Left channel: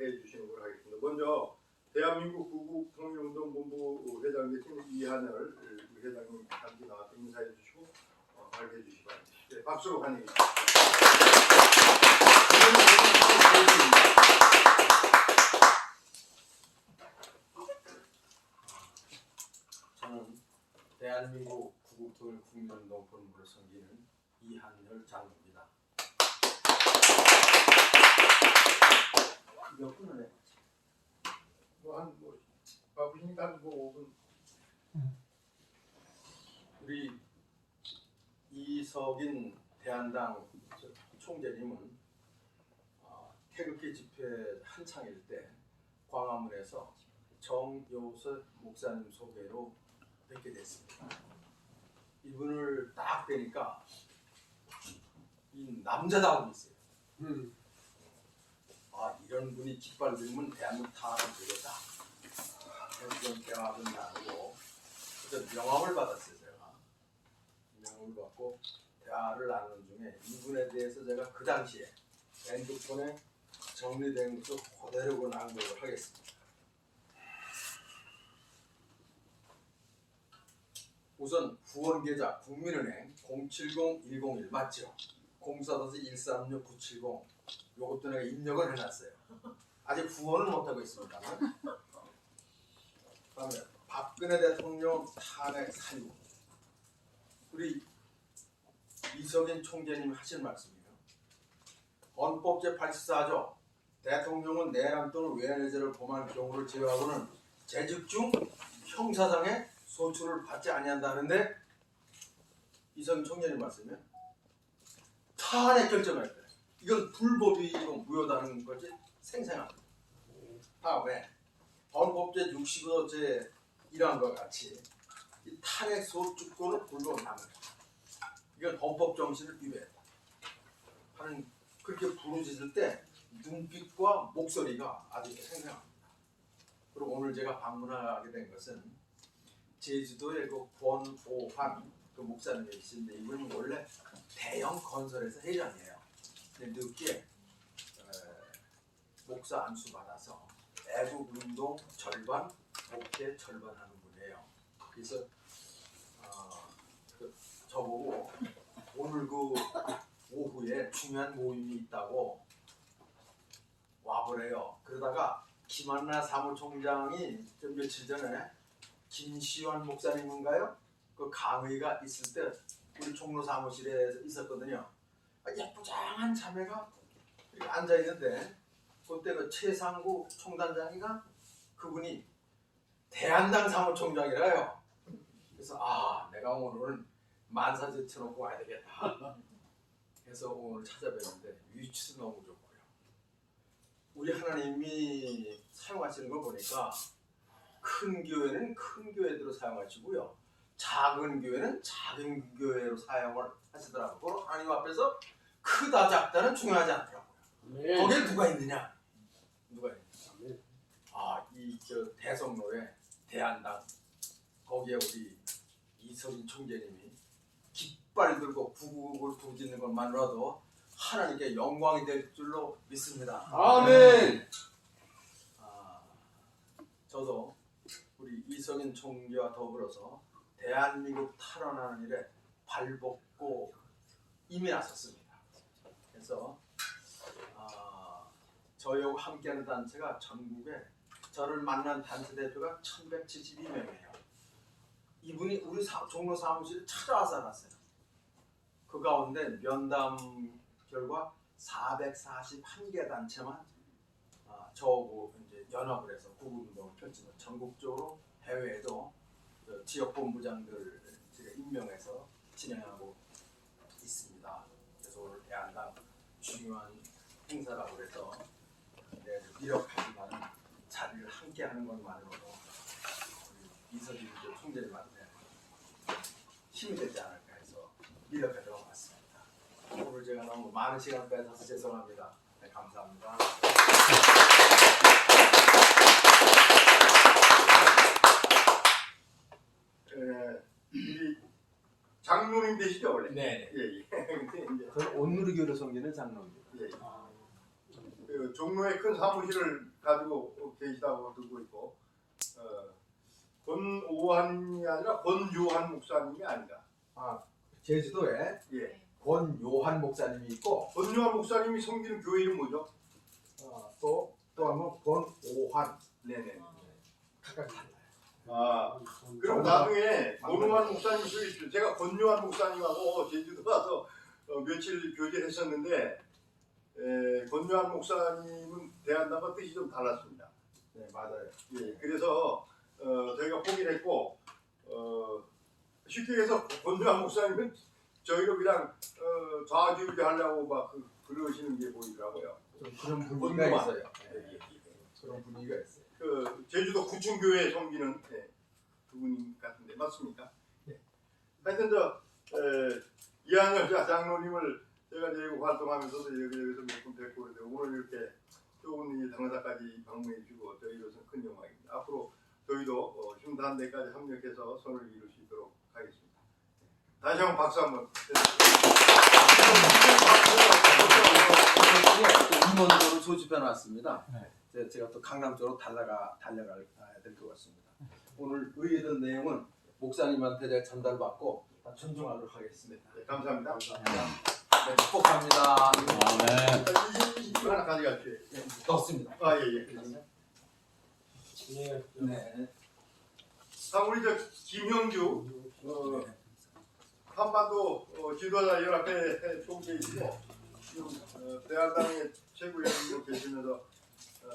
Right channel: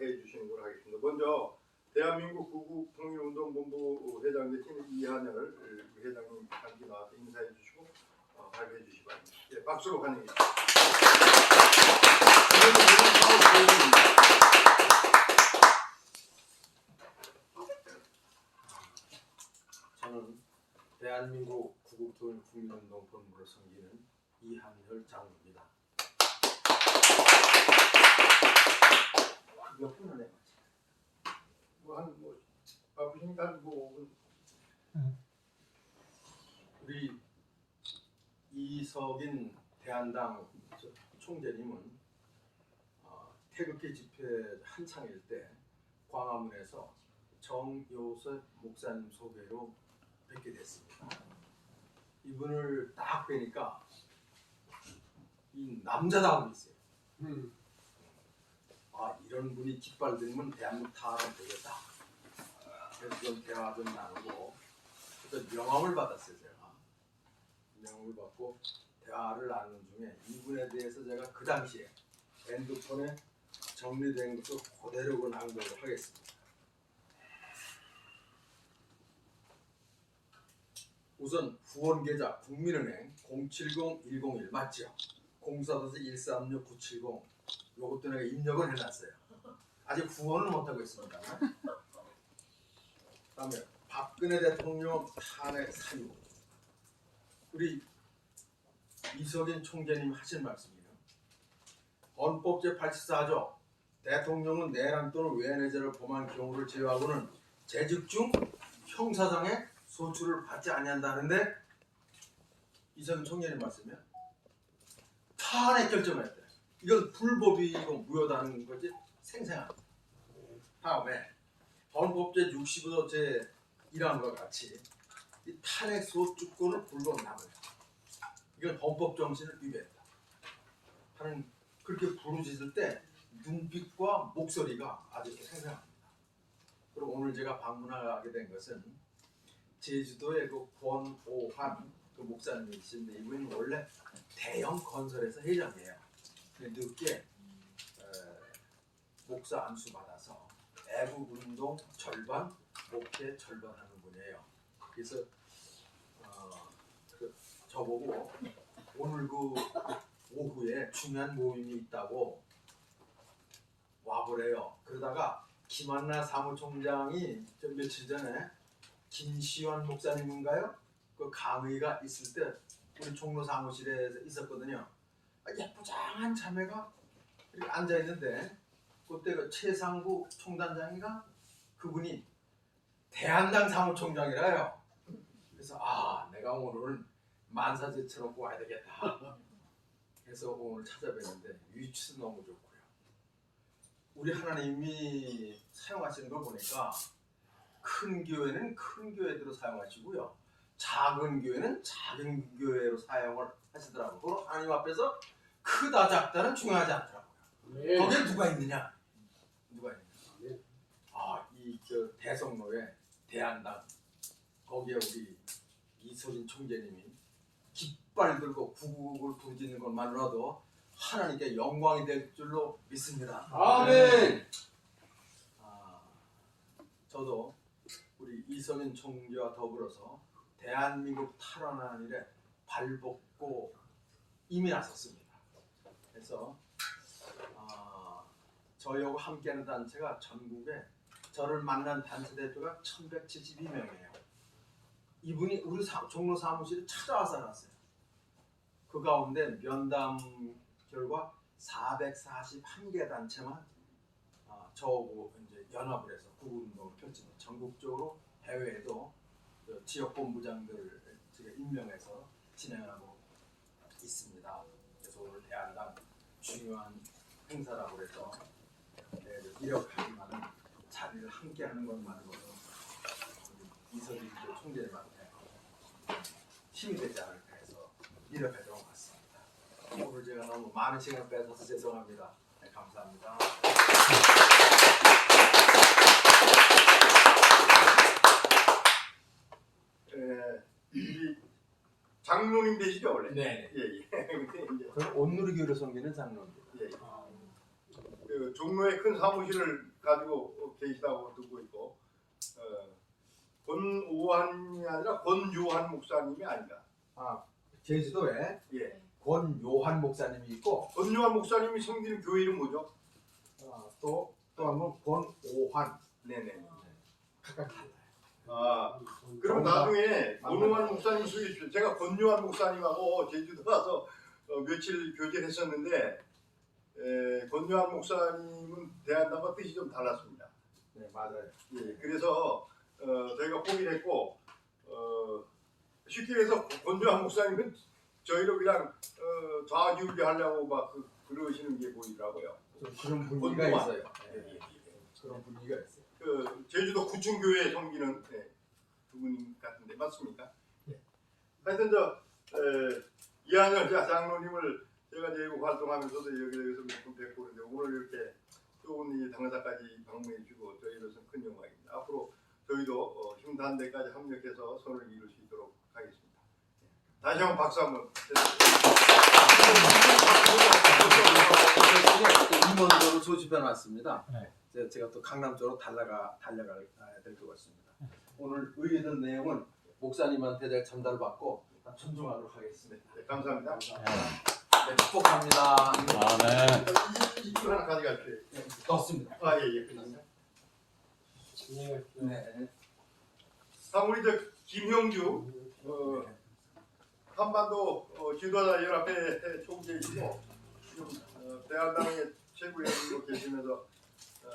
해주시는 걸 하겠습니다. 먼저 대한민국 구국통일운동본부 회장 계신 이한열 회장님 함께 나와서 인사해 주시고 발표해 주시기 바랍니다. 네, 박수로 환영해 주십시오. 저는 대한민국 구국통일국민운동본부를 섬기는 이한열 장로입니다. 몇 분을 해? 뭐 바쁘시니까 한 5분. 우리 이석인 대한당 총재님은 태극기 집회 한창일 때 광화문에서 정요섭 목사님 소개로 뵙게 됐습니다. 이분을 딱 뵈니까 이 남자다움이 있어요. 이런 분이 깃발 들면 대한민국 타는 되겠다. 그래서 그런 대학은 나누고 명함을 받았어요. 제가 명함을 받고 대화를 나누는 중에 이분에 대해서 제가 그 당시에 핸드폰에 정리된 것을 그대로 낭독을 하겠습니다. 우선 후원계좌 국민은행 070-101 맞죠? 04-136-970 요것도 내가 입력을 해놨어요. 아직 후원은 못하고 있습니다. 다음에 박근혜 대통령 탄핵 사유. 우리 이석인 총재님 하신 말씀이에요. 헌법 제84조 대통령은 내란 또는 외환해제를 범한 경우를 제외하고는 재직 중 형사상의 소출을 받지 아니한다는데 이석인 총재님 말씀이에요. 탄핵 결정을 했대. 이건 불법이고 무효다는 것이 생생합니다. 다음에 헌법 제65조 제1항과 같이 이 탄핵 소추권을 불법합니다. 이건 헌법 정신을 위배했다 하는 그렇게 부르짖을 때 눈빛과 목소리가 아주 생생합니다. 그리고 오늘 제가 방문하게 된 것은 제주도의 그 권오환 그 목사님이신데 이분이 원래 대형 건설에서 회장이에요. 근데 늦게 목사 안수 받아서 애국운동 절반, 목회 절반 하는 분이에요. 그래서 저보고 오늘 그 오후에 중요한 모임이 있다고 와보래요. 그러다가 김한나 사무총장이 좀 며칠 전에 김시환 목사님인가요? 그 강의가 있을 때 우리 종로 사무실에 있었거든요. 예쁘장한 자매가 이렇게 앉아 있는데 그때 그 최상구 총단장이가 그분이 대한당 사무총장이라요. 그래서 내가 오늘은 만사 제쳐놓고 와야 되겠다. 그래서 오늘 찾아뵀는데 위치도 너무 좋고요. 우리 하나님이 사용하시는 걸 보니까 큰 교회는 큰 교회대로 사용하시고요. 작은 교회는 작은 교회로 사용을 하시더라고요. 그럼 하나님 앞에서 크다 작다는 중요하지 않더라고요. 네. 거기에 누가 있느냐? 누가 있느냐? 네. 이 대성로에 대한당 거기에 우리 이석인 총재님이 깃발 들고 구국을 부르짖는 것만으로도 하나님께 영광이 될 줄로 믿습니다. 아멘. 저도 우리 이석인 총재와 더불어서 대한민국 탈환하는 일에 발벗고 이미 나섰습니다. 그래서 저희하고 함께하는 단체가 전국에 저를 만난 단체 대표가 1172명이에요. 이분이 우리 종로 사무실에 찾아와서 났어요. 그 가운데 면담 결과 441개 단체만 저하고 이제 연합을 해서 구국운동을 펼치고 전국적으로 해외에도 지역 본부장들 임명해서 진행하고 있습니다. 그래서 오늘 대한당 중요한 행사라고 해서 이렇게 많은 자리를 함께하는 것만으로도 우리 이석인 총재님한테 힘이 되지 않을까 해서 이렇게 들어봤습니다. 오늘 제가 너무 많은 시간을 뺏어서 죄송합니다. 네, 감사합니다. 우리 장로님 되시죠 원래? 네. 예. 저는 온누리교회를 섬기는 장로입니다. 예. 종로에 큰 사무실을 가지고 계시다고 듣고 있고 권오한이 아니라 권요한 목사님이 아니라 제주도에 예. 권요한 목사님이 있고 권요한 목사님이 섬기는 교회 이름 뭐죠? 또 한 번 권오한. 네네. 각각 달라요. 그럼 나중에 권오한 목사님 소개시켜. 제가 권요한 목사님하고 제주도 가서 며칠 교제를 했었는데 권요한 목사님은 대한다마 뜻이 좀 달랐습니다. 네, 맞아요. 예, 그래서 저희가 포기를 했고 쉽게 해서 권요한 목사님은 저희를 그냥 좌지우지 하려고 막 그러시는 게 보이더라고요. 그런 분위기가 있어요. 네. 그런 분위기가 있어요. 제주도 구층교회 섬기는 그분 같은데 맞습니까? 네. 하여튼 이한열 장로님을 제가 제국 활동하면서도 여기저기서 몇 번 뵙고 그런데 오늘 이렇게 좋은 이 당사까지 방문해 주고 저희로서는 큰 영광입니다. 앞으로 저희도 흉단 데까지 합력해서 선을 이룰 수 있도록 하겠습니다. 다시 한번 박수 한번. 임원으로 소집해 놨습니다. 네. 제가 또 강남 쪽으로 달려가야 될 것 같습니다. 오늘 의뢰된 내용은 목사님한테 제가 전달을 받고 다 존중하도록 하겠습니다. 네, 감사합니다. 네, 축복합니다. 네. 이거 하나 가져갈게요. 넣습니다. 예. 네. 다음 우리 김형주 한반도 지도자 연합회 총재이시고 지금 대한당의 최고위원으로 계시면서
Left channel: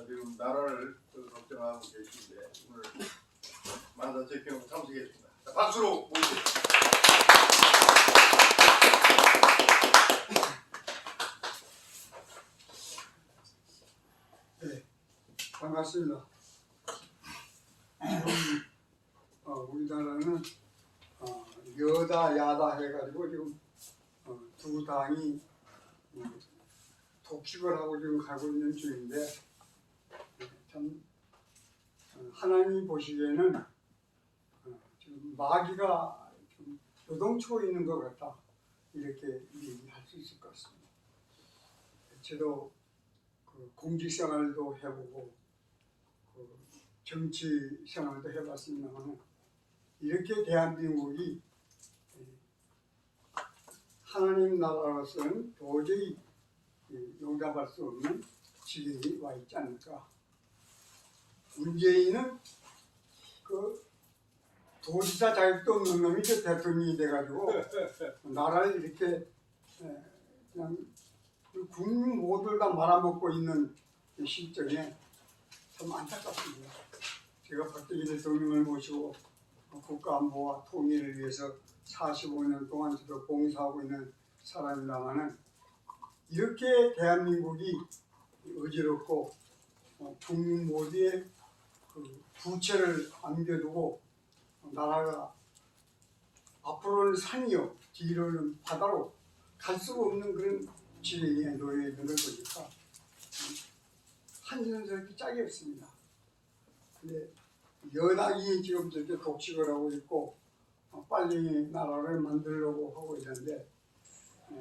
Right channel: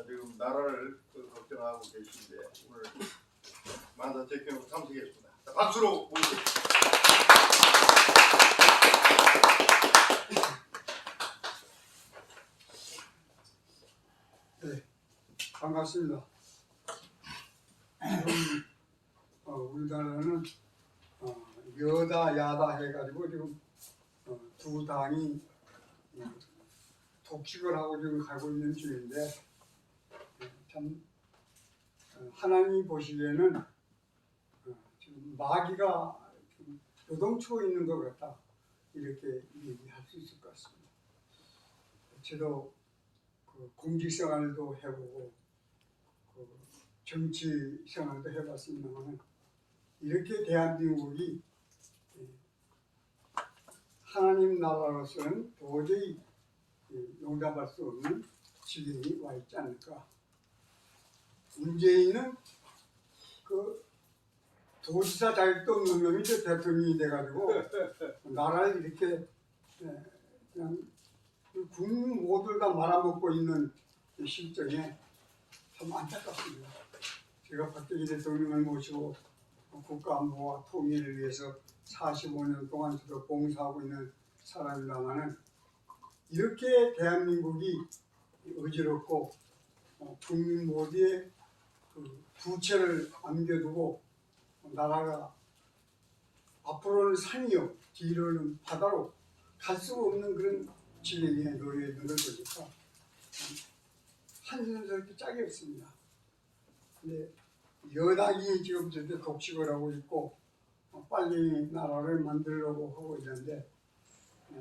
지금 나라를 걱정하고 계신데 오늘 만사 제경으로 참석했습니다. 자, 박수로 모시겠습니다. 네, 반갑습니다. 우리나라는 여다 야다 해가지고 지금 두 당이 독식을 하고 지금 가고 있는 중인데 참 하나님 보시기에는 지금 마귀가 좀 요동치고 있는 것 같다 이렇게 얘기할 수 있을 것 같습니다. 저도 공직 생활도 해보고 정치 생활도 해봤습니다만 이렇게 대한민국이 하나님 나라로서는 도저히 용납할 수 없는 지경이 와 있지 않을까. 문재인은 도지사 자격도 없는 놈이 대통령이 돼가지고 나라를 이렇게 그냥 국민 모두를 다 말아먹고 있는 실정에 참 안타깝습니다. 제가 박정희 대통령을 모시고 국가 안보와 통일을 위해서 45년 동안 저도 봉사하고 있는 사람이라마는 이렇게 대한민국이 어지럽고 국민 모두의 부채를 안겨두고 나라가 앞으로는 산이요 뒤로는 바다로 갈 수가 없는 그런 지경에 놓여 있는 걸 보니까 한숨스럽게 짝이 없습니다. 근데 여당이 지금 저렇게 독식을 하고 있고 빨리 나라를 만들려고 하고 있는데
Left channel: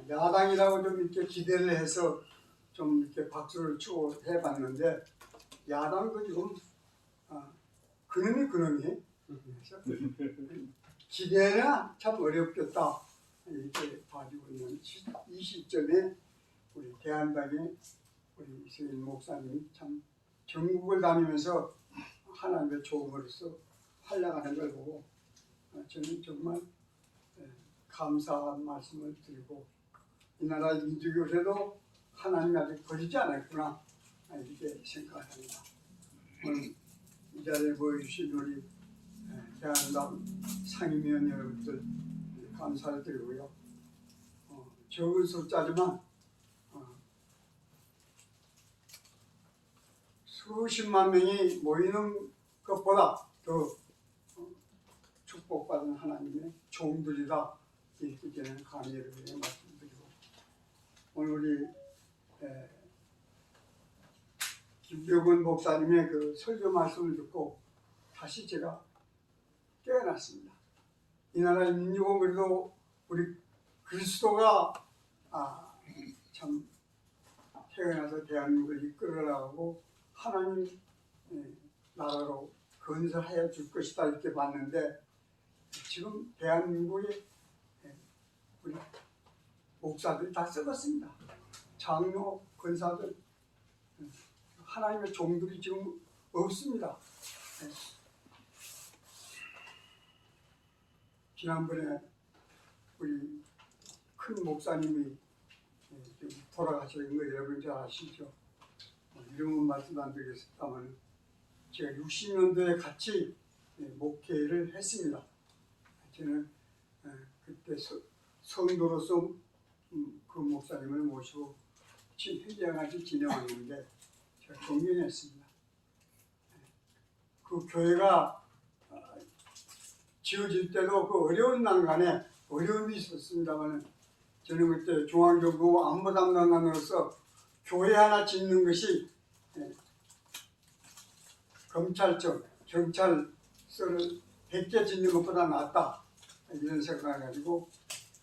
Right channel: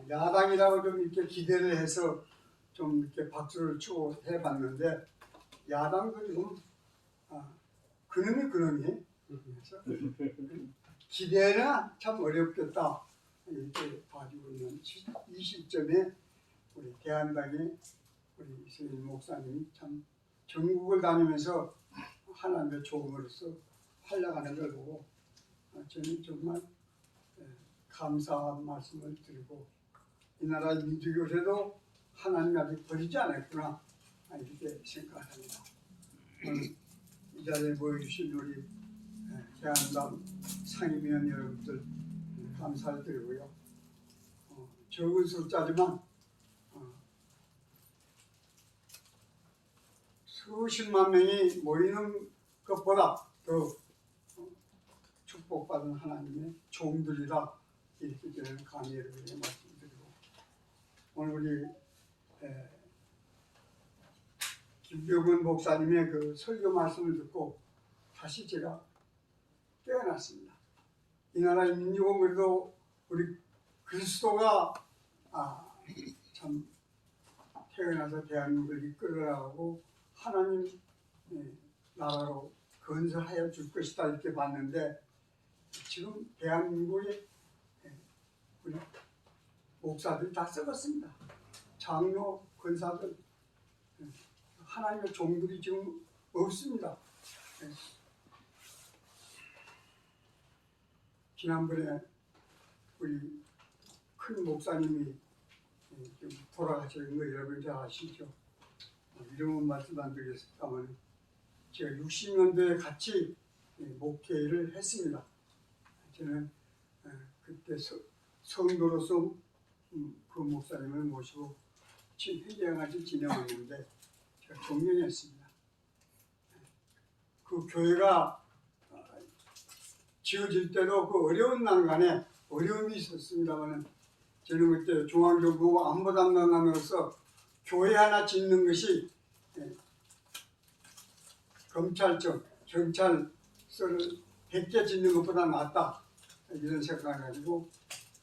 야당이라고 좀 이렇게 기대를 해서 좀 이렇게 박수를 치고 해봤는데 야당도 지금 그놈이 기대는 참 어렵겠다 이렇게 봐주고 있는 이 시점에 우리 대한당의 우리 이승일 목사님이 참 전국을 다니면서 하나님의 조음으로서 활약하는 걸 보고 저는 정말 감사한 말씀을 드리고 이 나라의 민주교회도 하나님이 아직 버리지 않았구나 이렇게 생각합니다. 오늘 이 자리에 모여주신 우리 대한당 상임위원 여러분들 감사를 드리고요. 적은 숫자지만 수십만 명이 모이는 것보다 더 축복받은 하나님의 종들이다 이렇게 저는 감회를 말씀드리고 오늘 우리 김병훈 목사님의 그 설교 말씀을 듣고 다시 제가 깨어났습니다. 이 나라의 민주공회도 우리 그리스도가 참 태어나서 대한민국을 이끌어 나가고 하나님 나라로 건설하여 줄 것이다 이렇게 봤는데 지금 대한민국의 우리 목사들이 다 썩었습니다. 장로, 권사들, 하나님의 종들이 지금 없습니다. 지난번에 우리 큰 목사님이 좀 돌아가신 거 여러분 잘 아시죠? 이름은 말씀 안 드리겠습니다만 제가 60년도에 같이 목회를 했습니다. 저는 그때 성도로서 그 목사님을 모시고 회장같이 지내왔는데 제가 존경했습니다. 그 교회가 지어질 때도 그 어려운 난간에 어려움이 있었습니다만 저는 그때 중앙정부 안보담당관으로서 교회 하나 짓는 것이 검찰청, 경찰서를 100개 짓는 것보다 낫다 이런 생각을 가지고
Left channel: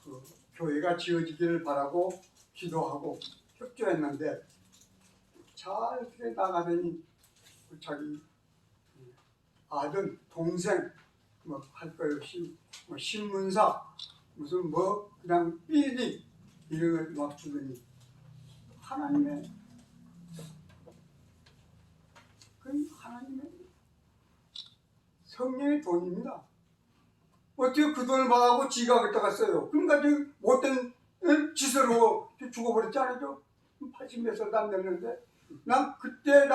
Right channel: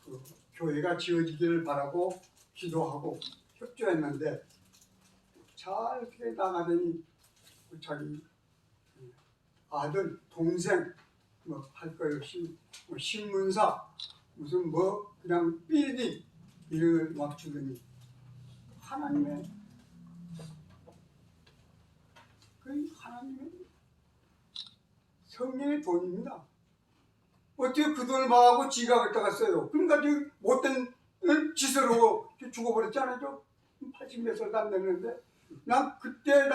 그 교회가 지어지기를 바라고 기도하고 협조했는데 잘 그래 나가더니 자기 아들, 동생 뭐 할 것 없이 뭐 신문사 무슨 뭐 그냥 삐리 이런 걸 막 주더니 하나님의 성령의 돈입니다. 어떻게 그 돈을 받아고 지가 갖다가 써요? 그러니까 지금 못된 짓으로 죽어버렸지 않아요? 80몇 살도 안 됐는데 난 그때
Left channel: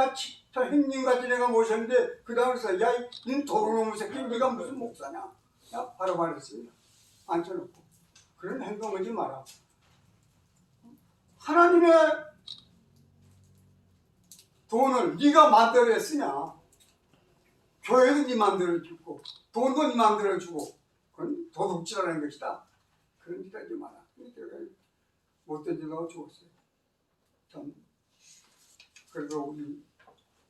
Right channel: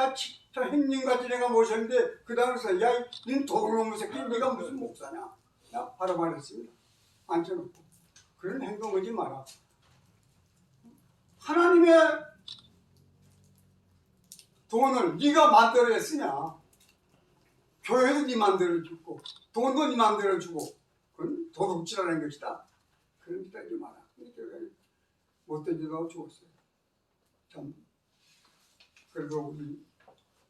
저 형님같이 내가 모셨는데 그 다음에서 야, 니 도둑놈의 새끼 네가 무슨 목사냐? 야, 바로 말했습니다. 앉혀놓고 그런 행동하지 마라. 하나님의 돈을 네가 만들어냈으냐? 교회도 네 만들어주고 돈도 네 만들어주고 그건 도둑질하는 것이다. 그런 짓 하지 마라. 못된 짓하고 죽었어요. 참 그래도 우리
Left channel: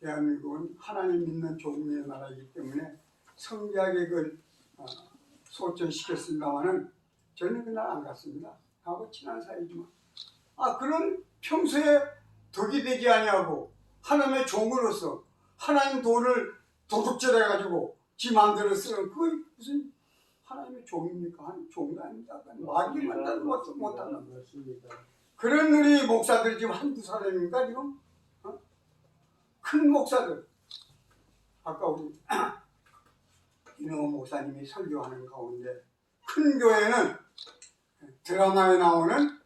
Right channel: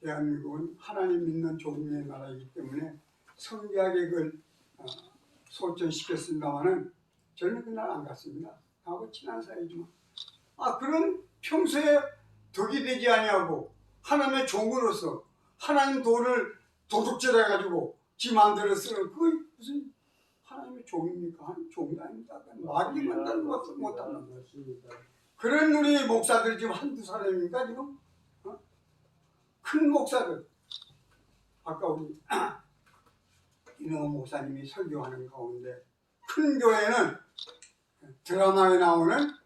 대한민국은 하나님 믿는 종류의 나라이기 때문에 성리하게 그걸 소천시켰습니다마는 저는 그날 안 갔습니다. 하고 친한 사이지만 그런 평소에 덕이 되지 아니하고 하나님의 종으로서 하나님 돈을 도둑질해가지고 지 마음대로 쓰는 그 무슨 하나님의 종입니까? 하나님 종이 아닙니다. 마귀만 못하는 것입니다. 그런 우리 목사들이 지금 한두 사람입니까 지금? 큰 목사들 아까 우리 이능호 목사님이 설교하는 가운데 큰 교회는 드라마에 나오는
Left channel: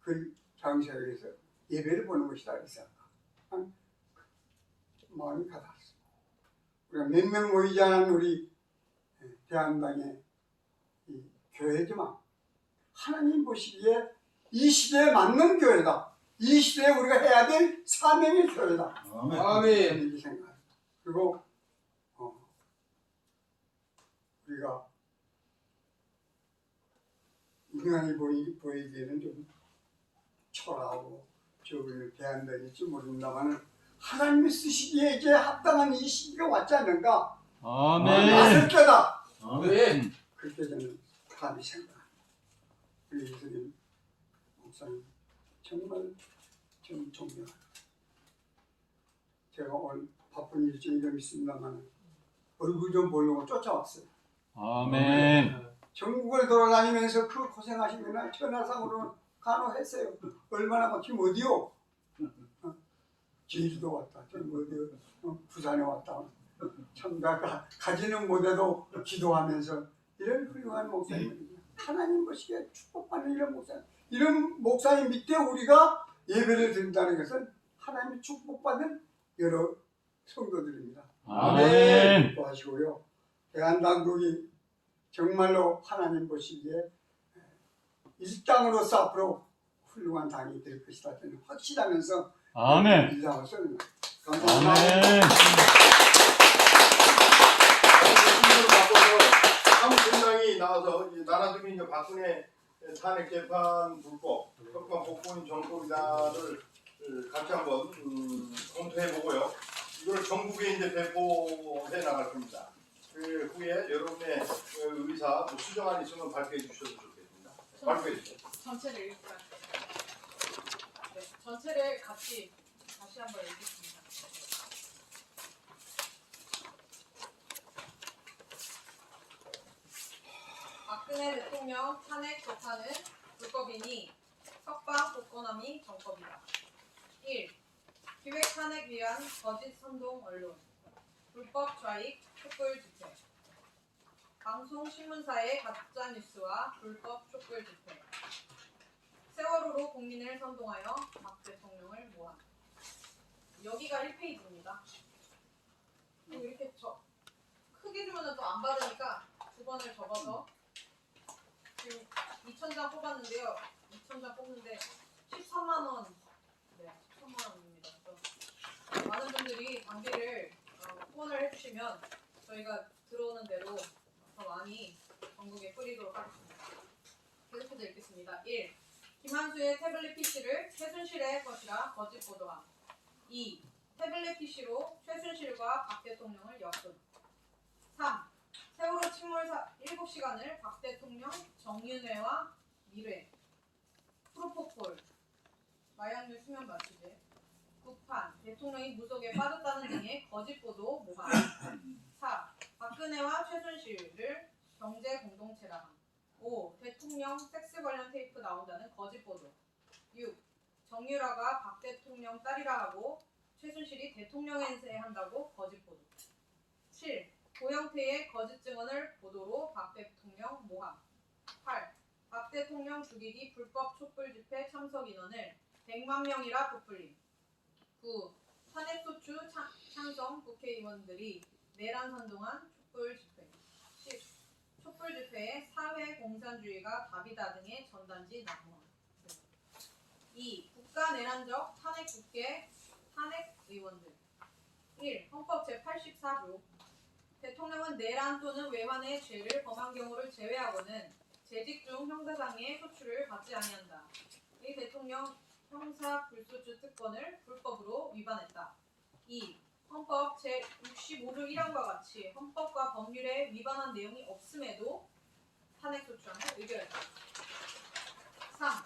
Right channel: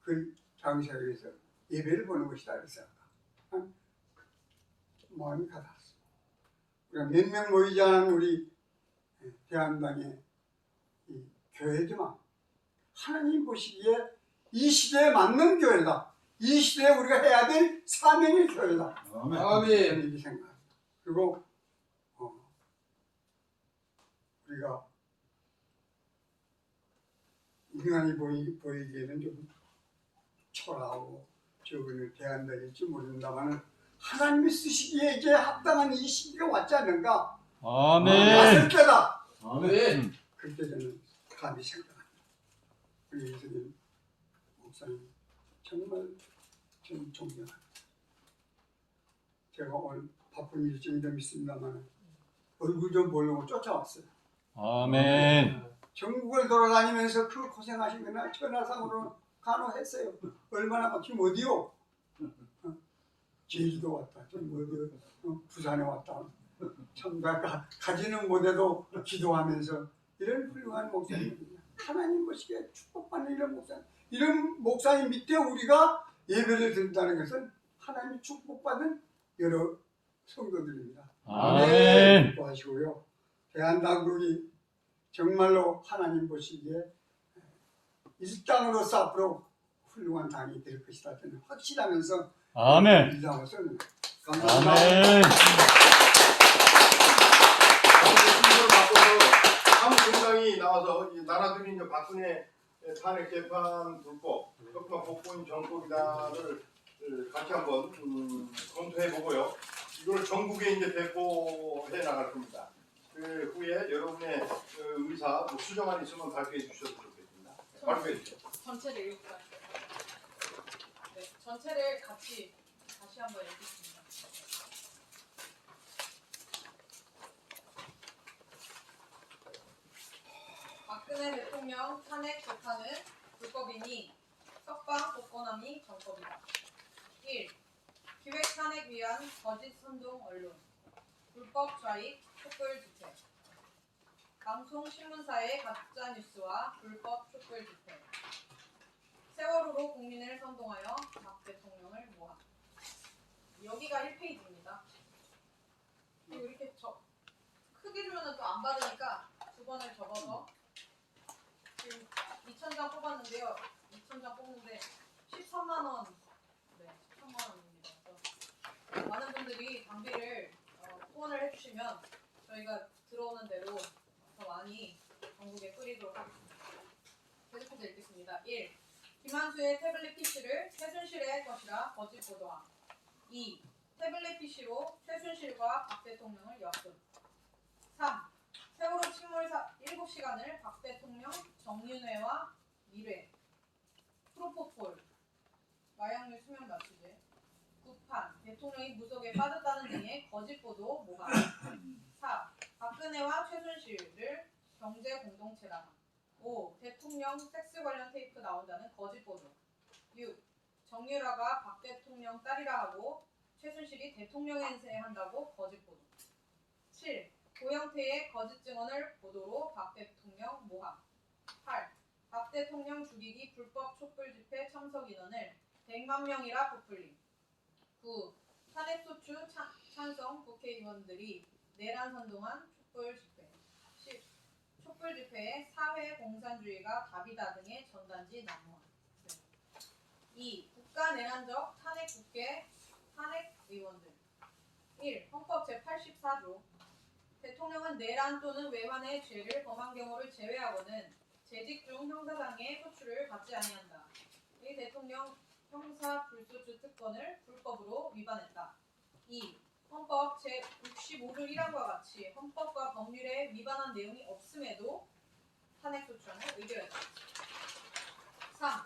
그 장소에서 예배를 보는 것이다 그랬어요. 마음이 가닿았어. 우리가 몇 명 모이지 않은 우리 대한당의 이 교회지만 하나님 보시기에 이 시대에 맞는 교회다. 이 시대에 우리가 해야 될 사명의 교회다. 아멘. 이렇게 생각합니다. 그리고 우리가 인간이 보이기에는 좀 초라하고 저분을 대한다일지 모른다마는 하나님이 쓰시기에 이제 합당한 이 시기가 왔지 않는가? 아멘. 맞을 때다. 아멘. 그때 저는 감히 생각합니다. 우리 이승일 목사님 정말 좀 존경합니다. 제가 오늘 바쁜 일정이 좀 있습니다만 얼굴 좀 보려고 쫓아왔어요. 아멘. 전국을 돌아다니면서 그 고생하신 거나 전화상으로 간호했어요. 얼마나 막 지금 어디요? 제주도 왔다. 어디 부산에 왔다. 참 가지는 못해도 기도하면서 이런 훌륭한 목사님입니다. 하나님 보시기에 축복받는 이런 목사님. 이런 목사님 밑에 우리가 예배를 드린다는 것은 하나님이 축복받는 여러 성도들입니다. 아멘. 기도하시고요. 대한당국이 정말로 하나님 보시기에 이 땅으로서 앞으로 훌륭한 당이 될 것이다. 저는 확실하면서 아멘. 인상을 씁니다. 감사합니다. 아멘. 사무총장이 나와서 나라들이 이제 박근혜 탄핵 재판 불법, 협박 복권 정법이다를 같이 한번 검토해보고요. 이걸 전국에 이제 배포해 나갈 겁니다. 그 후에 여러분의 의사 수정안 있으면 발표해 주셔도 좋겠습니다. 발표해 주세요. 전체를 읽을까요? 네, 전체를 같이 다시 한번 읽겠습니다. 박근혜 대통령 탄핵 재판은 불법이니 협박 복권함이 정법이다. 1. 기획 탄핵 위한 거짓 선동 언론, 불법 좌익, 촛불 집회, 방송 신문사의 가짜 뉴스와 불법 촛불 집회, 세월호로 국민을 선동하여 박 대통령을 모함. 여기가 1페이지입니다. 그리고 이렇게 크게 주면 또 안 받으니까 두 번을 접어서 지금 2,000장 뽑았는데요. 2,000장 뽑는데 13만 원. 네, 13만 원입니다. 그래서 많은 분들이 당비를 후원을 해주시면 저희가 들어오는 대로 더 많이 전국에 뿌리도록 하겠습니다. 계속해서 읽겠습니다. 1. 김한수의 태블릿 PC를 최순실의 것이라 거짓 보도함. 2. 태블릿 PC로 최순실과 박 대통령을 엮음. 3. 세월호 침몰 7시간을 박 대통령 정윤회와 미래. 프로포폴. 마약류 수면 마취제. 구판. 대통령이 무속에 빠졌다는 등의 거짓 보도 모함. 4. 박근혜와 최순실을 경제 공동체라 함. 5. 대통령 섹스 관련 테이프 나온다는 거짓 보도. 6. 정유라가 박 대통령 딸이라 하고 최순실이 대통령 행세한다고 거짓 보도. 7. 고영태의 거짓 증언을 보도로 박 대통령 모함. 8. 박 대통령 죽이기 불법 촛불 집회 참석 인원을 100만 명이라 부풀림. 9. 탄핵소추 찬성 국회의원들이 내란 선동한 촛불 집회. 10. 촛불 집회에 사회 공산주의가 답이다 등의 전단지 낭만. 2. 국가 내란적 탄핵 국회 탄핵 의원들. 1. 헌법 제84조. 대통령은 내란 또는 외환의 죄를 범한 경우를 제외하고는 재직 중 형사상의 소추를 받지 아니한다. 이 대통령 형사 불소추 특권을 불법으로 위반했다. 2. 헌법 제65조 1항과 같이 헌법과 법률에 위반한 내용이 없음에도 탄핵소추안을 의결했다. 3.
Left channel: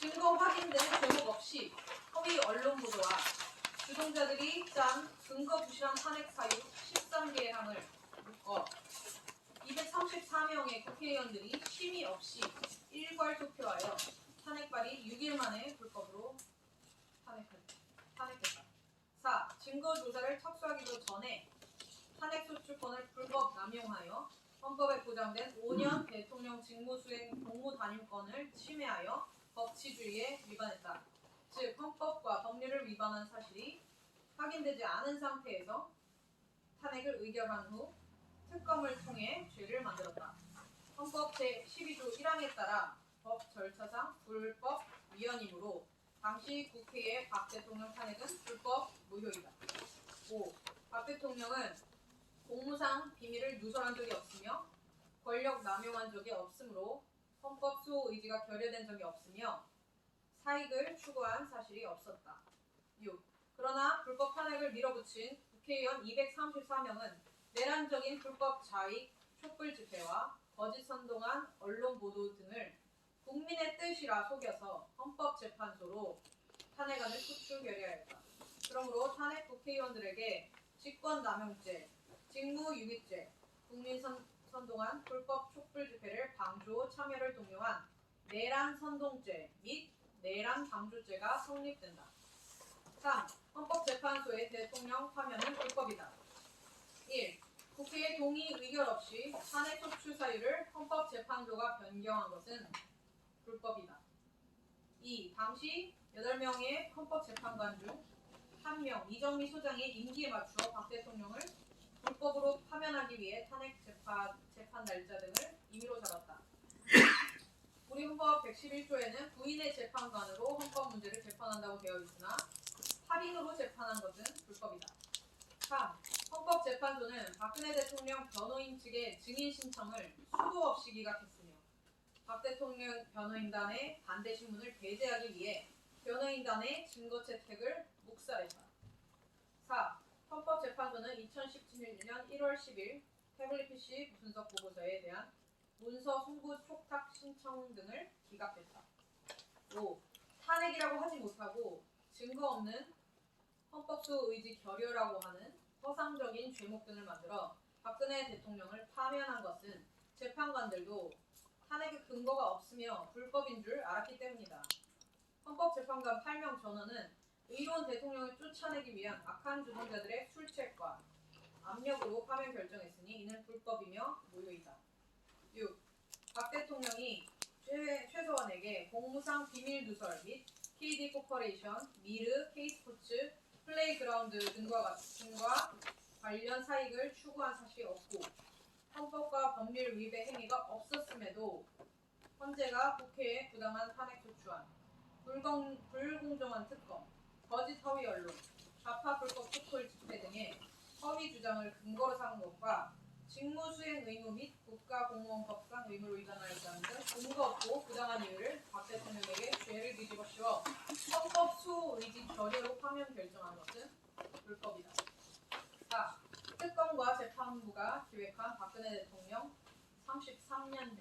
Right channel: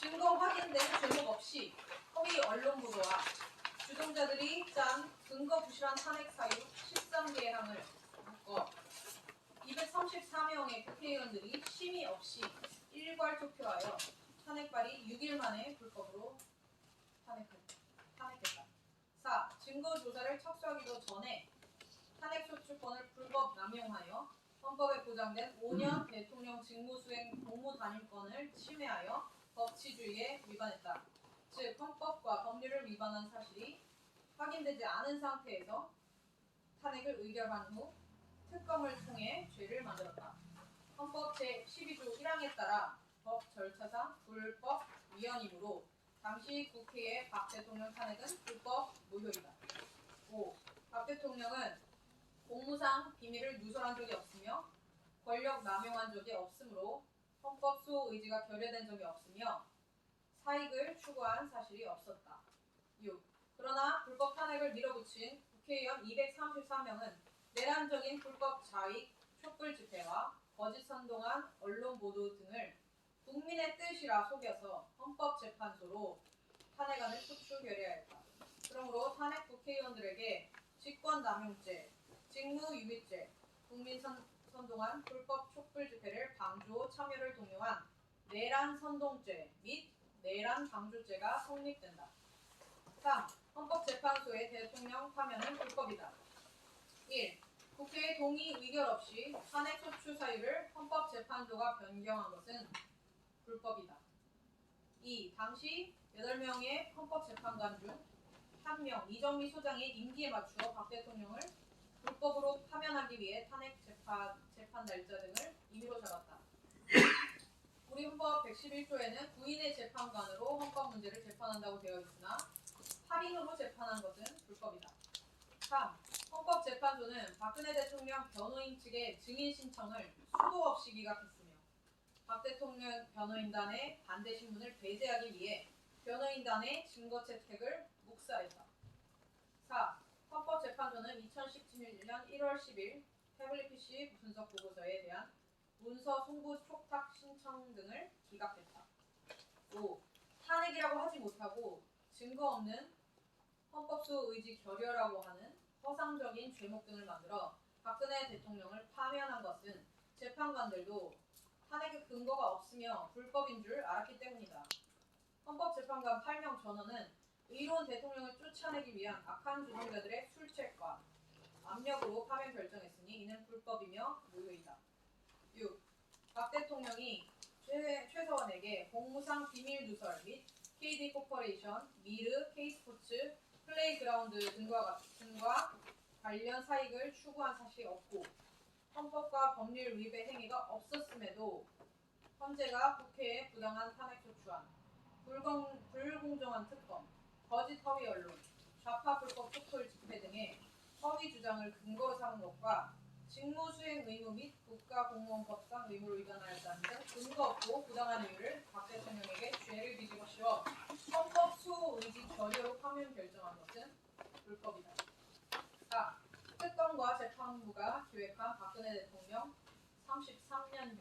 증거 확인된 제목 없이 허위 언론 보도와 주동자들이 짠 근거 부실한 탄핵 사유 13개의 항을 묶어 234명의 국회의원들이 심의 없이 일괄 투표하여 탄핵 발의 6일 만에 불법으로 탄핵했다. 4. 증거 조사를 착수하기도 전에 탄핵소추권을 불법 남용하여 헌법에 보장된 5년 대통령 직무수행 공무단임권을 침해하여 법치주의에 위반했다. 즉 헌법과 법률을 위반한 사실이 확인되지 않은 상태에서 탄핵을 의결한 후 특검을 통해 죄를 만들었다. 헌법 제12조 1항에 따라 법 절차상 불법 위헌이므로 당시 국회의 박 대통령 탄핵은 불법 무효이다. 5. 박 대통령은 공무상 비밀을 누설한 적이 없으며 권력 남용한 적이 없으므로 헌법 수호 의지가 결여된 적이 없으며 사익을 추구한 사실이 없었다. 6. 그러나 불법 탄핵을 밀어붙인 국회의원 234명은 내란적인 불법 좌익, 촛불 집회와 거짓 선동한 언론 보도 등을 국민의 뜻이라 속여서 헌법재판소로 탄핵안을 소추 결의하였다. 그러므로 탄핵 국회의원들에게 직권남용죄, 직무유기죄, 국민 선동한 불법 촛불 집회를 방조 참여를 동요한 내란 선동죄 및 내란 방조죄가 성립된다. 3. 헌법재판소의 대통령 파면은 불법이다. 1. 국회의 동의 의결 없이 탄핵 소추 사유를 헌법재판소가 변경한 것은 불법이다. 2. 당시 8명의 헌법재판관 중 1명 이정미 소장의 임기에 맞추어 박 대통령을 불법으로 파면하기 위해 탄핵 재판 날짜 등을 임의로 잡았다. 우리 헌법 111조에는 부인의 재판관으로 헌법 문제를 재판한다고 되어 있으나 8인으로 재판한 것은 불법이다. 3. 헌법재판소는 박근혜 대통령 변호인 측의 증인 신청을 수도 없이 기각했으며 박 대통령 변호인단의 반대 신문을 배제하기 위해 변호인단의 증거 채택을 묵살했다. 4. 헌법재판소는 2017년 1월 10일 태블릿 PC 분석 보고서에 대한 문서 송부 촉탁 신청 등을 기각했다. 5. 탄핵이라고 하지 못하고 증거 없는 헌법소 의지 결여라고 하는 허상적인 죄목 등을 만들어 박근혜 대통령을 파면한 것은 재판관들도 탄핵의 근거가 없으며 불법인 줄 알았기 때문이다. 헌법재판관 8명 전원은 의로운 대통령을 쫓아내기 위한 악한 주동자들의 술책과 압력으로 파면 결정했으니 이는 불법이며 무효이다. 6. 박 대통령이 최서원에게 공무상 비밀 누설 및 KD 코퍼레이션, 미르, K스포츠, 플레이그라운드 등과 관련 사익을 추구한 사실이 없고 헌법과 법률 위배 행위가 없었음에도 헌재가 국회에 부당한 탄핵 소추안, 불공정한 특검, 거짓 허위 언론, 좌파 불법 촛불 집회 등의 허위 주장을 근거로 삼은 것과 직무수행 의무 및 국가공무원법상 의무를 위반하였다는 등 근거 없고 부당한 이유를 박 대통령에게 죄를 뒤집어 씌워 헌법 수의지 결여로 파면 결정한 것은 불법이다. 4. 특검과 재판부가 기획한 박근혜 대통령 33년형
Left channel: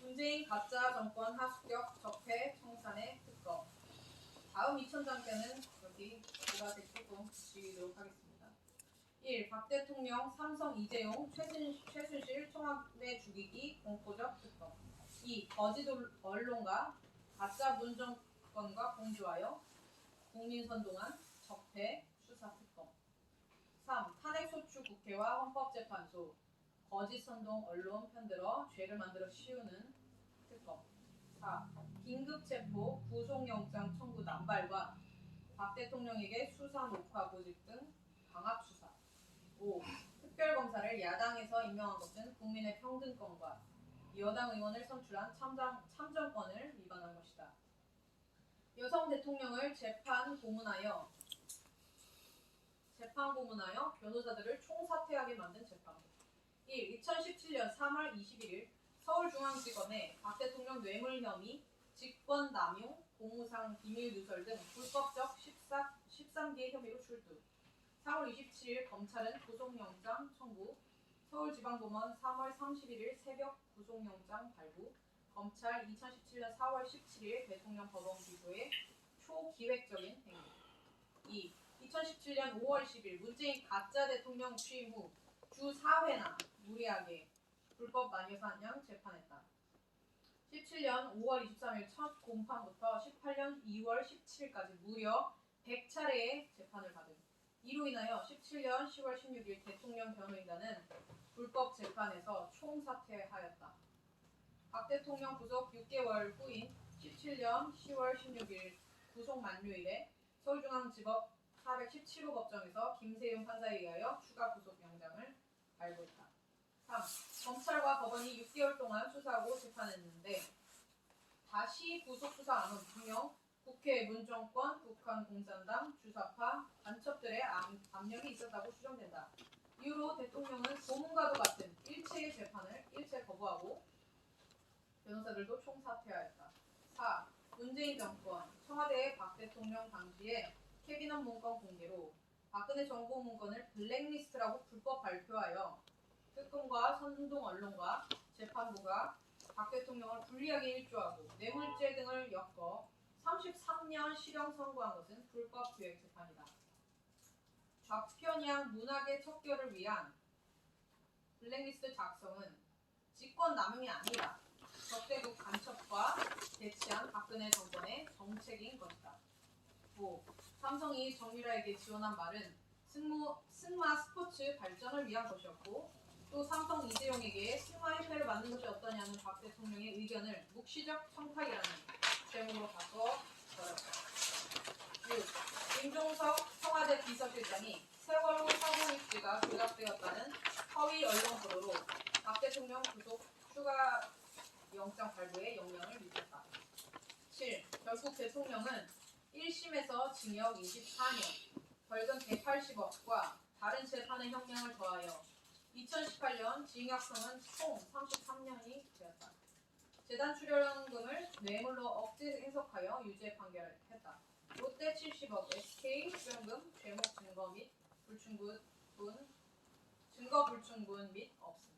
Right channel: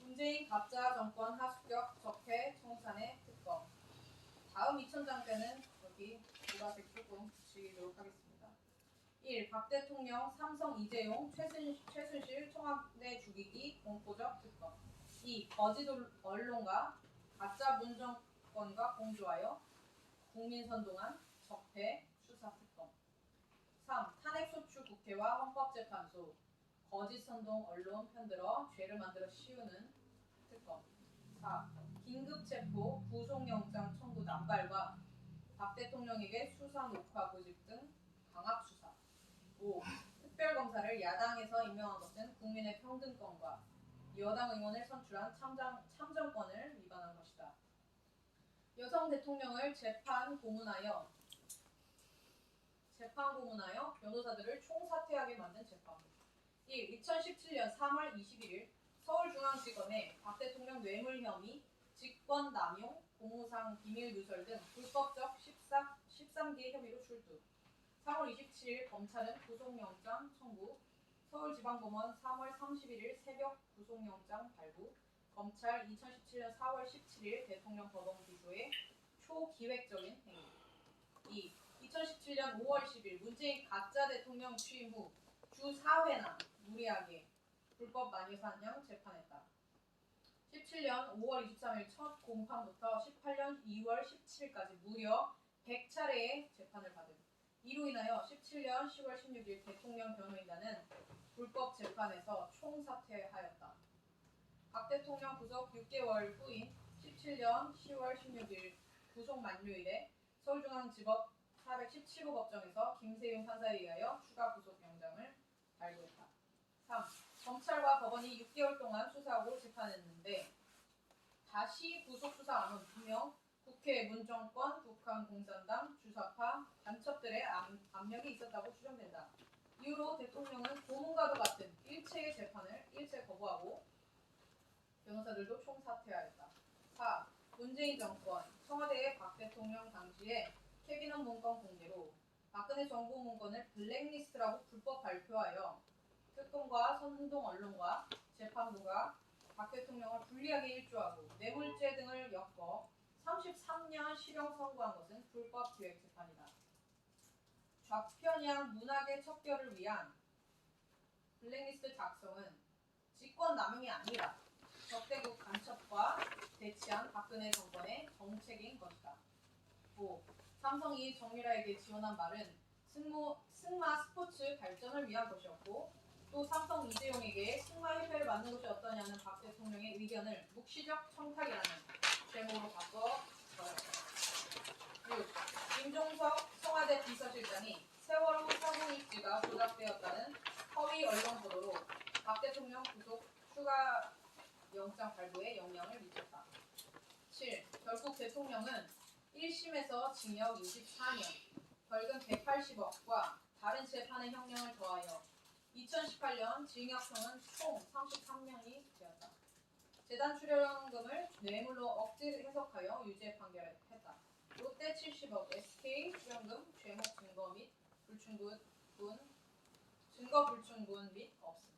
문재인 가짜 정권 하수격 적폐 청산의 특검. 다음 2000장대는 여기 보라색 조금 붙이도록 하겠습니다. 1. 박 대통령 삼성 이재용 최순실 청와대 죽이기 공포적 특검. 2. 거짓 언론과 가짜 문정권과 공조하여 국민 선동한 적폐 수사 특검. 3. 탄핵소추 국회와 헌법재판소 거짓 선동 언론 편들어 죄를 만들어 씌우는 특검. 4. 긴급체포 구속영장 청구 남발과 박 대통령에게 수사 녹화 보직 등 강압수사. 5. 특별검사를 야당에서 임명한 것은 국민의 평등권과 여당 의원을 선출한 참정권을 위반한 것이다. 여성 대통령을 재판 고문하여 변호사들을 총사퇴하게 만든 재판부. 1. 2017년 3월 21일 서울중앙지검에 박 대통령 뇌물 혐의, 직권 남용, 공무상 비밀 누설 등 불법적 13개 혐의로 출두. 3월 27일 검찰은 구속영장 청구, 서울지방법원 3월 31일 새벽 구속영장 발부, 검찰 2017년 4월 17일 대통령 법원 기소의 초기획적인 행위. 2. 2017년 5월 10일 문재인 가짜 대통령 취임 후 주 4회나 무리하게 불법 마녀사냥 재판했다. 17년 5월 23일 첫 공판부터 18년 2월 17일까지 무려 100차례의 재판을 받은. 이로 인하여 17년 10월 16일 대통령 변호인단은 불법 재판에서 총사퇴하였다. 박 대통령 구속 6개월 후인 17년 10월 16일 구속 만료일에 서울중앙지법 417호 법정에서 김세윤 판사에 의하여 추가 구속영장을 발부했다. 3. 검찰과 법원이 6개월 동안 수사하고 재판했는데 다시 구속수사함은 분명 국회 문정권, 북한공산당, 주사파, 간첩들의 압력이 있었다고 추정된다. 이후로 대통령은 고문과도 같은 일체의 재판을 일체 거부하고 변호사들도 총사퇴하였다. 4. 문재인 정권, 청와대의 박 대통령 당시에 캐비닛 문건 공개로 박근혜 정보 문건을 블랙리스트라고 불법 발표하여 특검과 선동 언론과 재판부가 박 대통령을 불리하게 일조하고 뇌물죄 등을 엮어 33년 실형 선고한 것은 불법 기획 재판이다. 좌편향 문학의 척결을 위한 블랙리스트 작성은 직권 남용이 아니라 적대국 간첩과 대치한 박근혜 정권의 정책인 것이다. 5. 삼성이 정유라에게 지원한 말은 승마 스포츠 발전을 위한 것이었고 또 삼성 이재용에게 승마협회를 만든 것이 어떠냐는 박 대통령의 의견을 묵시적 청탁이라는 제목으로 바꿔 버렸다. 6. 김종석 청와대 비서실장이 세월호 사고 일지가 조작되었다는 허위 언론 보도로 박 대통령 구속 추가 영장 발부에 영향을 미쳤다. 7. 결국 대통령은 1심에서 징역 24년, 벌금 180억과 다른 재판의 형량을 더하여 2018년 징역형은 총 33년이 되었다. 재단 출연금을 뇌물로 억지 해석하여 유죄 판결했다. 롯데 70억, SK 출연금, 죄목 증거 및 증거 불충분 및 없음.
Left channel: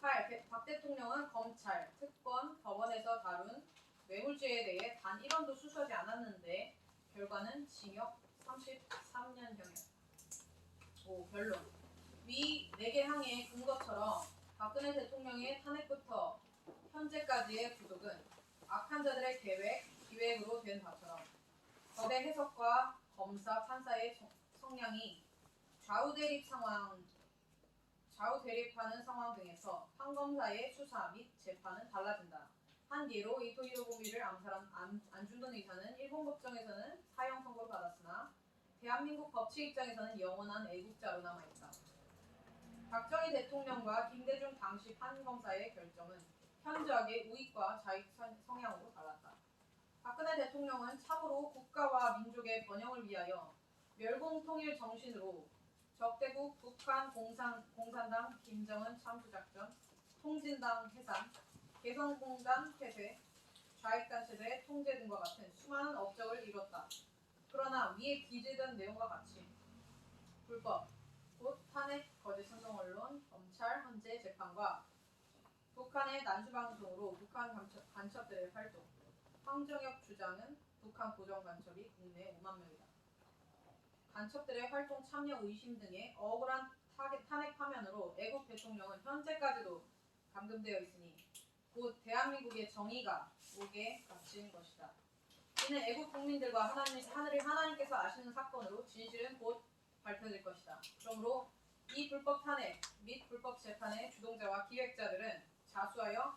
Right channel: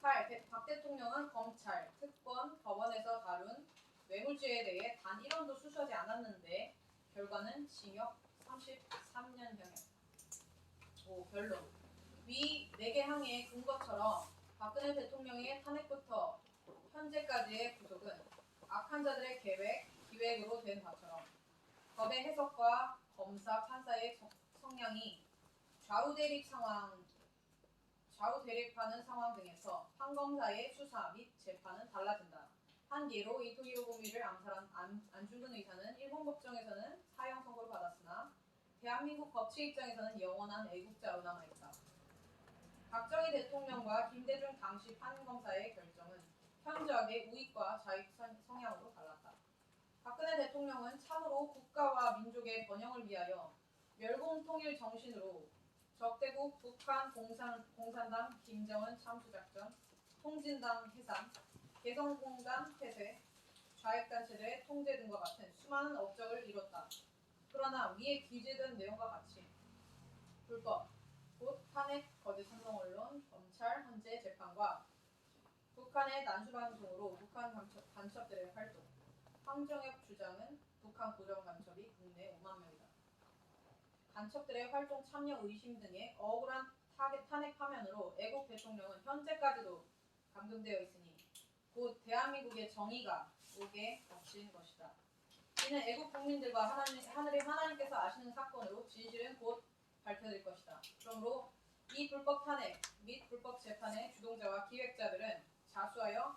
8. 박 대통령은 검찰, 특검, 법원에서 다룬 뇌물죄에 대해 단 1원도 수수하지 않았는데 결과는 징역 33년형이다. 5. 결론. 위 4개 항의 근거처럼 박근혜 대통령의 탄핵부터 현재까지의 부족은 악한 자들의 기획으로 된 바처럼 법의 해석과 검사, 판사의 성향이 좌우 대립하는 상황 등에서 판검사의 수사 및 재판은 달라진다. 한 예로 이토히로 부미를 암살한 안중근 의사는 일본 법정에서는 사형 선고를 받았으나 대한민국 법치 입장에서는 영원한 애국자로 남아있다. 박정희 대통령과 김대중 당시 판검사의 결정은 현저하게 우익과 좌익 성향으로 달랐다. 박근혜 대통령은 참으로 국가와 민족의 번영을 위하여 멸공통일 정신으로 적대국 북한 공산당 김정은 참수작전, 통진당 해산, 개성공단 폐쇄, 좌익단체들의 통제 등과 같은 수많은 업적을 이뤘다. 그러나 위에 기재된 내용과 같이 불법, 곧 탄핵, 거짓 선동 언론, 검찰, 헌재 재판과 북한의 난수방송으로 북한 간첩들의 활동, 황정혁 주장은 북한 고정 간첩이 국내 5만 명이다. 간첩들의 활동 참여 의심 등의 억울한 탄핵 파면으로 애국 대통령은 현재까지도 감금되어 있으니 곧 대한민국의 정의가 옥에 갇힌 것이다. 이는 애국 국민들과 하늘의 하나님께서 아시는 사건으로 진실은 곧 밝혀질 것이다. 그러므로 이 불법 탄핵 및 불법 재판의 주동자와 기획자들은 자수하여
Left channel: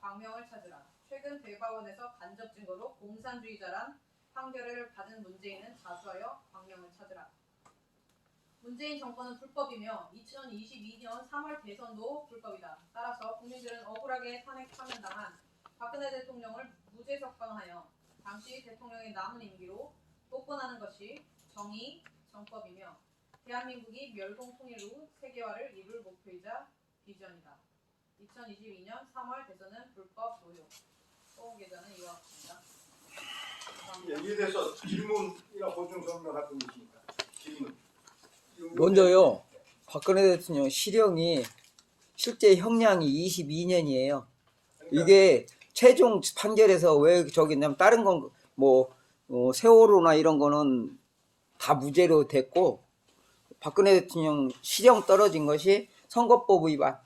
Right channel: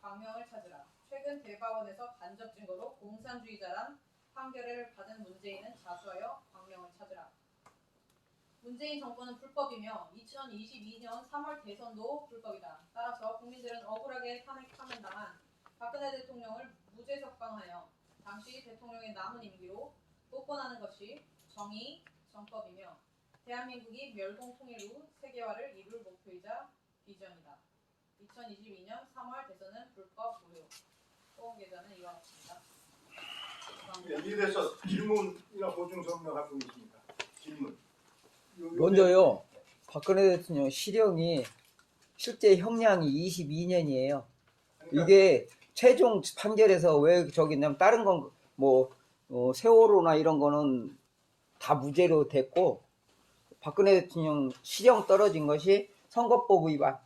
광명을 찾으라. 최근 대법원에서 간접 증거로 공산주의자란 판결을 받은 문재인은 자수하여 광명을 찾으라. 문재인 정권은 불법이며 2022년 3월 대선도 불법이다. 따라서 국민들은 억울하게 탄핵 파면당한 박근혜 대통령을 무죄 석방하여 당시 대통령의 남은 임기로 복권하는 것이 정의, 정법이며 대한민국이 멸공통일 후 세계화를 이룰 목표이자 비전이다. 2022년 3월 대선은 불법 무효. 소원 계좌는 이와 같습니다. 예, 이에 대해서 질문이나 보충 설명할 분 있습니까? 질문. 먼저요. 박근혜 대통령 실형이 실제 형량이 22년이에요. 이게 최종 판결에서 왜 저기 있냐면 다른 건 뭐 세월호나 이런 거는 다 무죄로 됐고 박근혜 대통령 실형 떨어진 것이 선거법 위반.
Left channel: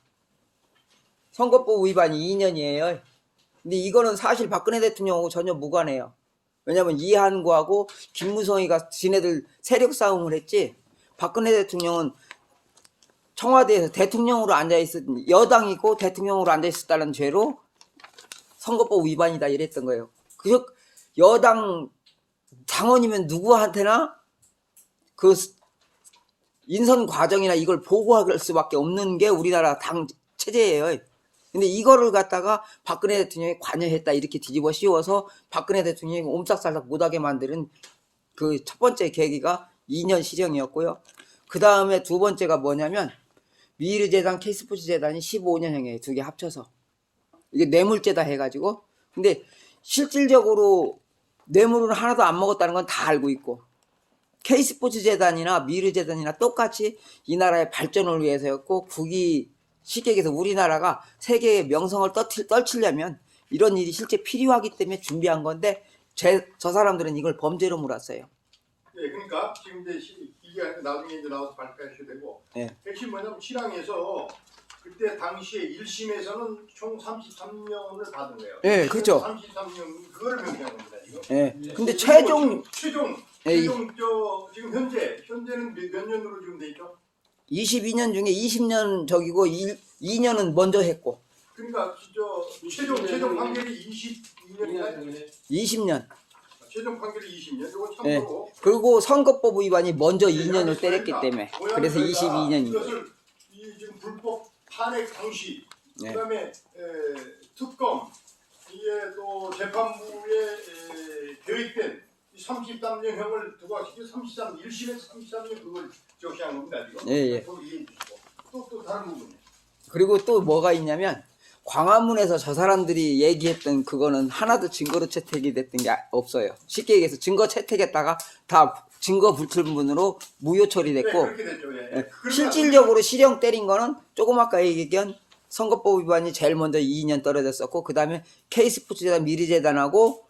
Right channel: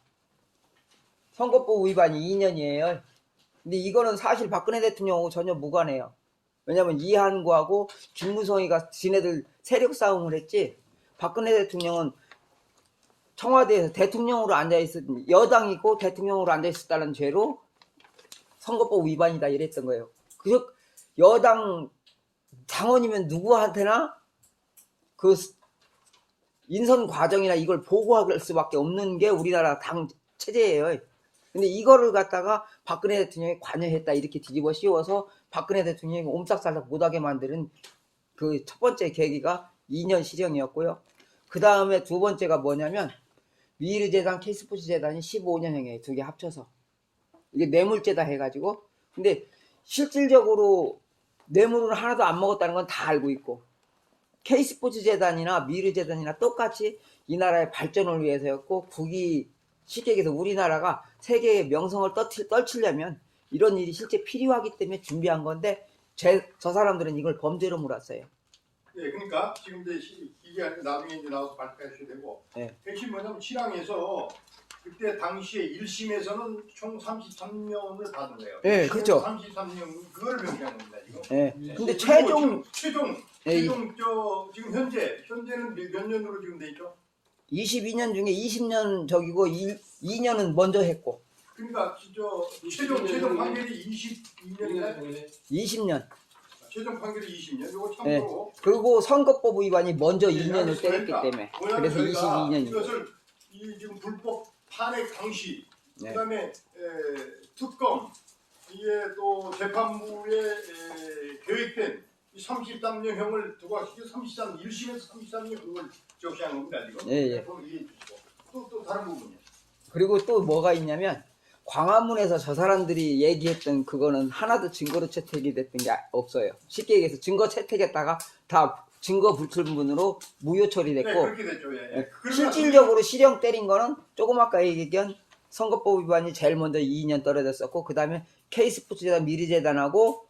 선거법 위반이 2년이에요. 근데 이거는 사실 박근혜 대통령하고 전혀 무관해요. 왜냐면 이한구하고 김무성이가 지네들 세력 싸움을 했지. 박근혜 대통령은 청와대에서 대통령으로 앉아있었 여당이고 대통령으로 앉아있었다는 죄로 선거법 위반이다 이랬던 거예요. 그래서 여당 당원이면 누구한테나 그 인선 과정이나 이걸 보고할 수밖에 없는 게 우리나라 당 체제예요. 근데 이거를 갖다가 박근혜 대통령이 관여했다 이렇게 뒤집어 씌워서 박근혜 대통령이 옴짝살짝 못하게 만드는 그 첫 번째 계기가 2년 실형이었고요. 그 다음에 두 번째가 뭐냐면 미르재단, K스포츠재단이 15년형이에요. 두 개 합쳐서. 이게 뇌물죄다 해가지고. 근데 실질적으로 뇌물은 하나도 안 먹었다는 건 다 알고 있고 K스포츠재단이나 미르재단이나 똑같이 이 나라의 발전을 위해서였고 국위 쉽게 얘기해서 우리나라가 세계의 명성을 떨치려면 이런 일이 실제 필요하기 때문에 준비한 건데 저 사람들은 이걸 범죄로 몰았어요. 예, 그러니까 지금 이제 이게 나중에 이제 나와서 발표하셔야 되고 네. 핵심 뭐냐면 실황에서 그때 당시에 1심에서는 총 33년을 받은 거예요. 네, 그렇죠. 33년 그걸 명시한 겁니다. 이거. 예. 근데 최종 예, 지금 현재는 몇 년으로 지금 돼 있죠? 22년 중에 20년 저기고 2년은 먼저 했고 그러니까 최종 판결이 22년이나요? 20년. 최종 판결이 20년. 이거 참고로. 그리고 선거법 위반이 먼저 2년을 그러니까 때렸기 때문에 뭐냐면 그래서 저희가 22년이죠. 이것을 이 지금 불법 탄핵 당시 네. 그다음에 특검 이게 또 재판부에 계획된 33년형을 두고 하시죠. 1심에서 33년 그걸 적시한 겁니다. 지금. 예. 이해해 주시고 또 다른 부분이요. 그리고 또 뭐가 있냐면 광화문에서 저 사람들이 얘기했던 그거는 하나도 증거로 채택이 됐던 게 없어요. 쉽게 얘기해서 증거 채택했다가 다 증거 불충분으로 무효 처리됐고 네, 그렇게 됐죠. 예. 실질적으로 실형 때린 거는 조금 아까 얘기한 선거법 위반이 제일 먼저 2년 떨어졌었고 그 다음에 K스포츠재단 미르재단하고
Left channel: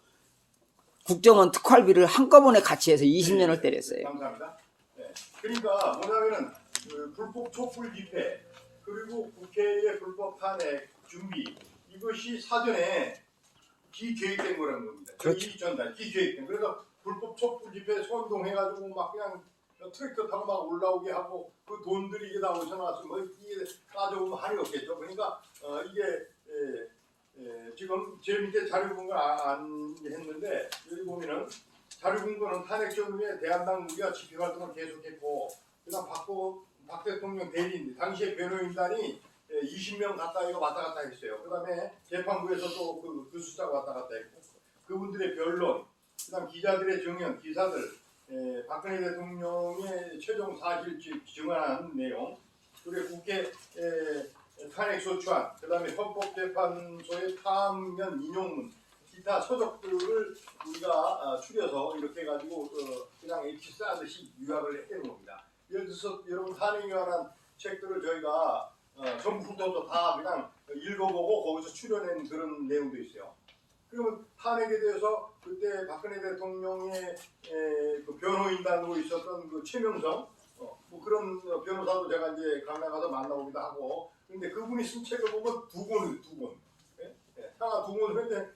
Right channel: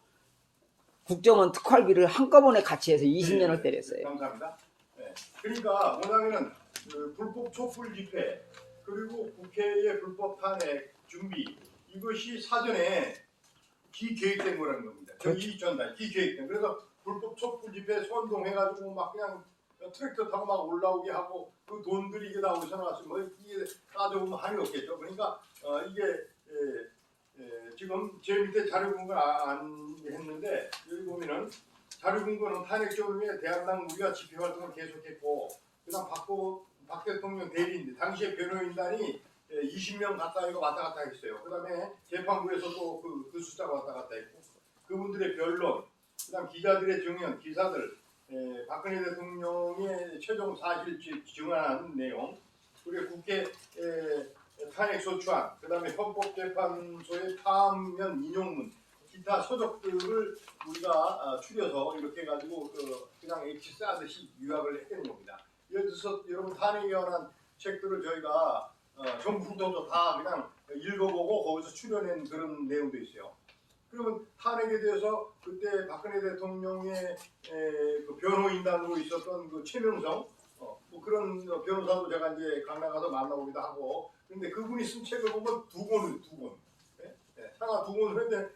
국정원 특활비를 한꺼번에 같이 해서 20년을 때렸어요. 감사합니다. 네. 그러니까 뭐냐면은 그 불법 촛불 집회 그리고 국회의 불법 탄핵 준비 이것이 사전에 기계획된 거라는 겁니다. 그렇죠. 이 전달 기계획된. 그래서 불법 촛불 집회 선동해가지고 막 그냥 트랙터 타고 막 올라오게 하고 그 돈들이 이게 다 어디서 나왔으면 뭐 이게 따져보면 한이 없겠죠. 그러니까 이게 지금 제 밑에 자료 공부를 안 했는데 여기 보면은 자료 공부는 탄핵 전후에 대한당 우리가 집회 활동을 계속했고 그다음 박 대통령 대리인 당시에 변호인단이 20명 가까이가 왔다 갔다 했어요. 그다음에 재판부에서 또 그 숫자가 왔다 갔다 했고 그분들의 변론, 그다음 기자들의 증언, 기사들, 박근혜 대통령의 최종 사실 증언한 내용, 그리고 국회 탄핵 소추안, 그다음에 헌법재판소의 파면 인용문, 기타 서적들을 우리가 추려서 이렇게 해가지고 그냥 엑시 싸듯이 요약을 해놓은 겁니다. 예를 들어서 여러분 탄핵에 관한 책들을 저희가 전부 훑어서 다 그냥 읽어보고 거기서 추려낸 그런 내용도 있어요. 그러면 탄핵에 대해서 그때 박근혜 대통령의 그 변호인단으로 있었던 그 최명성 뭐 그런 변호사도 제가 이제 강남 가서 만나보기도 하고 근데 그분이 쓴 책을 보면 두 권. 하나 두 권을 했는데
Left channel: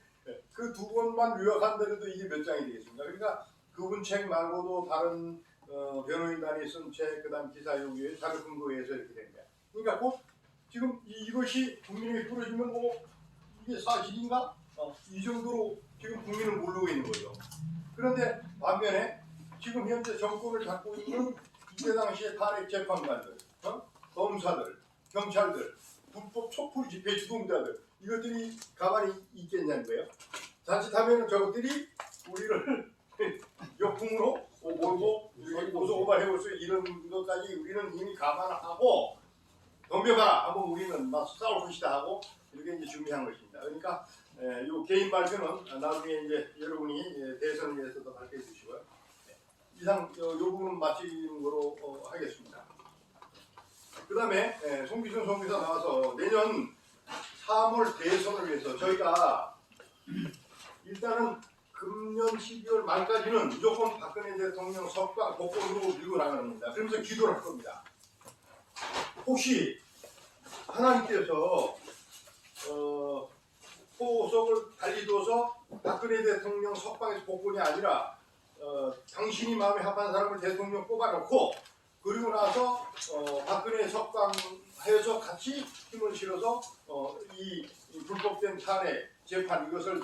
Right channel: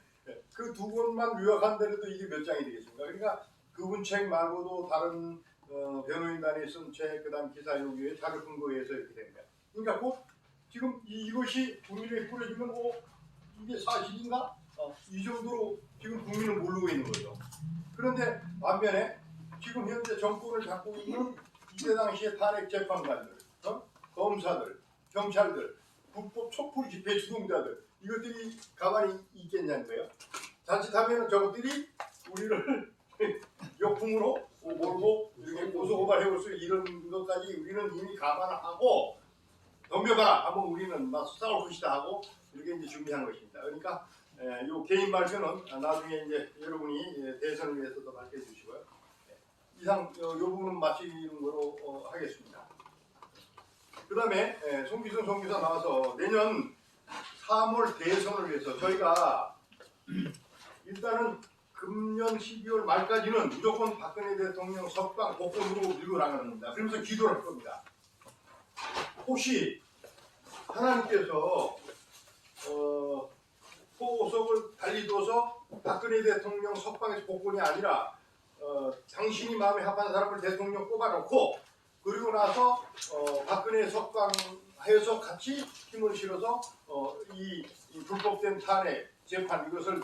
그 두 권만 요약한데도 이게 몇 장이 되겠습니까? 그러니까 그분 책 말고도 다른 변호인단이 쓴 책, 그다음 기사 요기에 자료 근거에 해서 이렇게 됩니다. 그러니까 꼭 지금 이것이 국민에게 뿌려지면 이게 사실인가? 이 정도로 지금 국민은 모르고 있는 거죠. 그런데 반면에 지금 현재 정권을 갖고 있는 이때 당시의 탄핵 재판관들, 검사들, 경찰들, 불법 촛불 집회 주동자들 이것들이 가만히 있겠냐는 거예요. 자칫하면 저것들이 우리를 역풍으로 몰고 고소고발 해볼 수 이런 것까지 우리는 이미 감안하고 덤벼봐라 한번 우리는 막 싸울 것이다 하고 이렇게 이제 준비한 것입니다. 그러니까 요 개인 발표는 나중에 이제 여러분이 대선을 위해서도 발표해 주시고요. 이상 요 부분은 마치는 거로 하겠습니다. 그 다음에 송기순 송기사 나와서 내년 3월 대선을 위해서 저희가 일단은 금년 12월 말까지는 무조건 박근혜 대통령 석방 복권으로 밀고 나가는 겁니다. 그러면서 기도를 할 겁니다. 혹시 하나님께서 포석을 달리 둬서 박근혜 대통령 석방에서 복권이 아니라 당신이 마음에 합한 사람을 대통령 뽑아놓고 그리고 나서 박근혜 석방해서 같이 힘을 실어서 이 불법된 탄핵 재판 이것을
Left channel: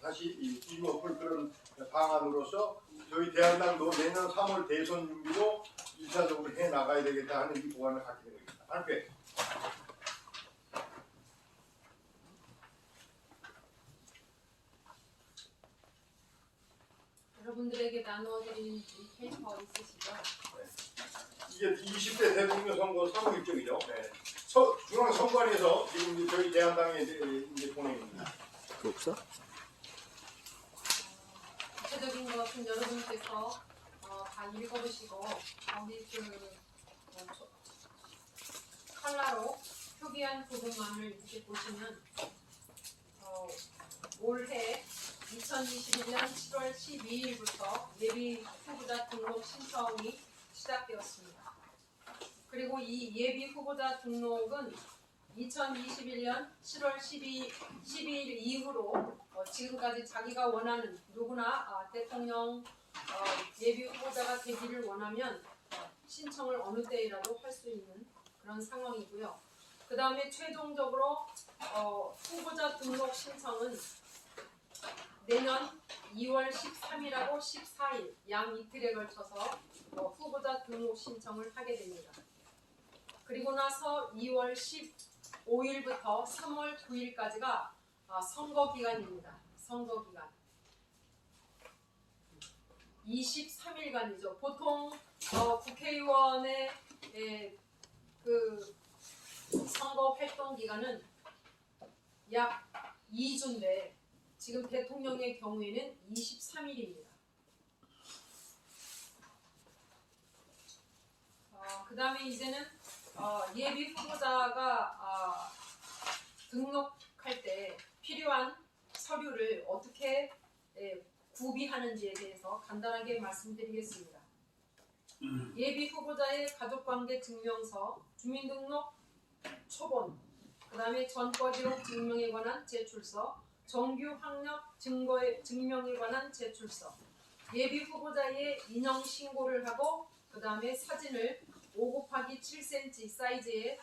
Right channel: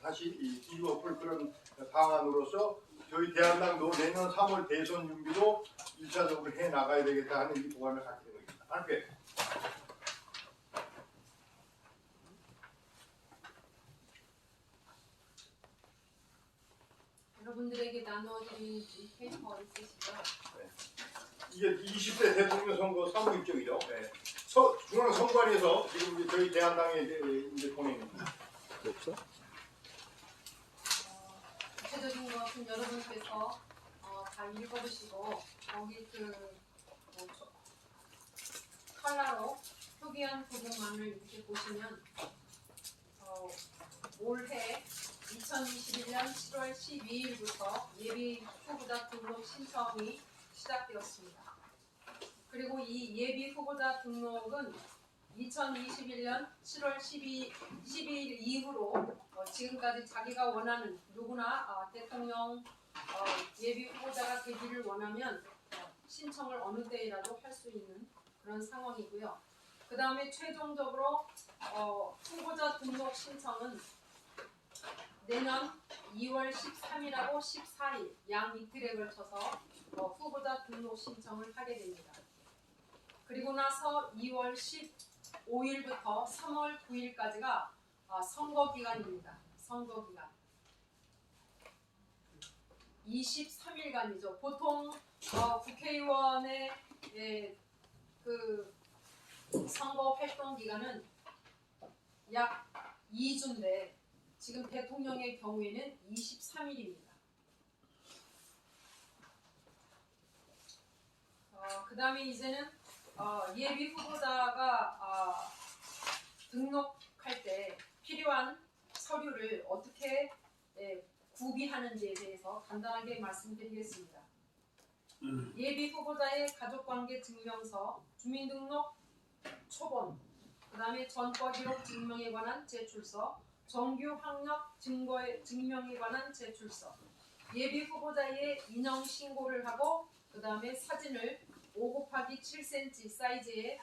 다시 뒤집어볼 그런 방안으로서 저희 대한당도 내년 3월 대선 준비도 1차적으로 해 나가야 되겠다 하는 이 보관을 갖게 된 겁니다. 발표해. 여러분들에게 나눠드리는 페이퍼 있으시죠? 이게 20대 대통령 선거 선거 일정이죠. 네. 중앙선관위에서 지금 저희 대한당에 이제 보냅니다. 없어? 구체적인 것은 여러분께서 다 읽어보시고 거기 컬러로 표기한 부분만을 이렇게 보시면 올해 2021년 7월 12일부터 예비 후보자 등록 신청이 시작되었습니다. 그리고 이 예비 후보자 등록은 2021년 7월 12일 이후로 지금까지 자기가 원하는 누구나 대통령 예비 후보자가 되기를 원하면 신청을 어느 때이라도 할 수 있는 그런 상황이고요. 그 다음에 최종적으로 후보자 등록 신청은 내년 2월 13일하고 14일 양 이틀에 걸쳐서 후보자 등록 신청을 하게 됩니다. 그리고 나서 2월 15일부터 3월 9일까지가 선거 기간입니다. 선거 기간. 23일간이죠. 보통 국회의원의 그 선거 활동 기간은 약 2주인데 지금 대통령의 경우에는 23일입니다. 그 다음에 이제는 예비 후보자가 등록할 때 필요한 서류를 어떻게 구비하는지에 대해서 간단하게 말씀드리겠습니다. 예비 후보자의 가족관계 증명서, 주민등록 초본, 그 다음에 전과기록 증명에 관한 제출서, 정규 학력 증명에 관한 제출서, 예비 후보자의 인형 신고를 하고 그 다음에 사진을 5×7cm 사이즈의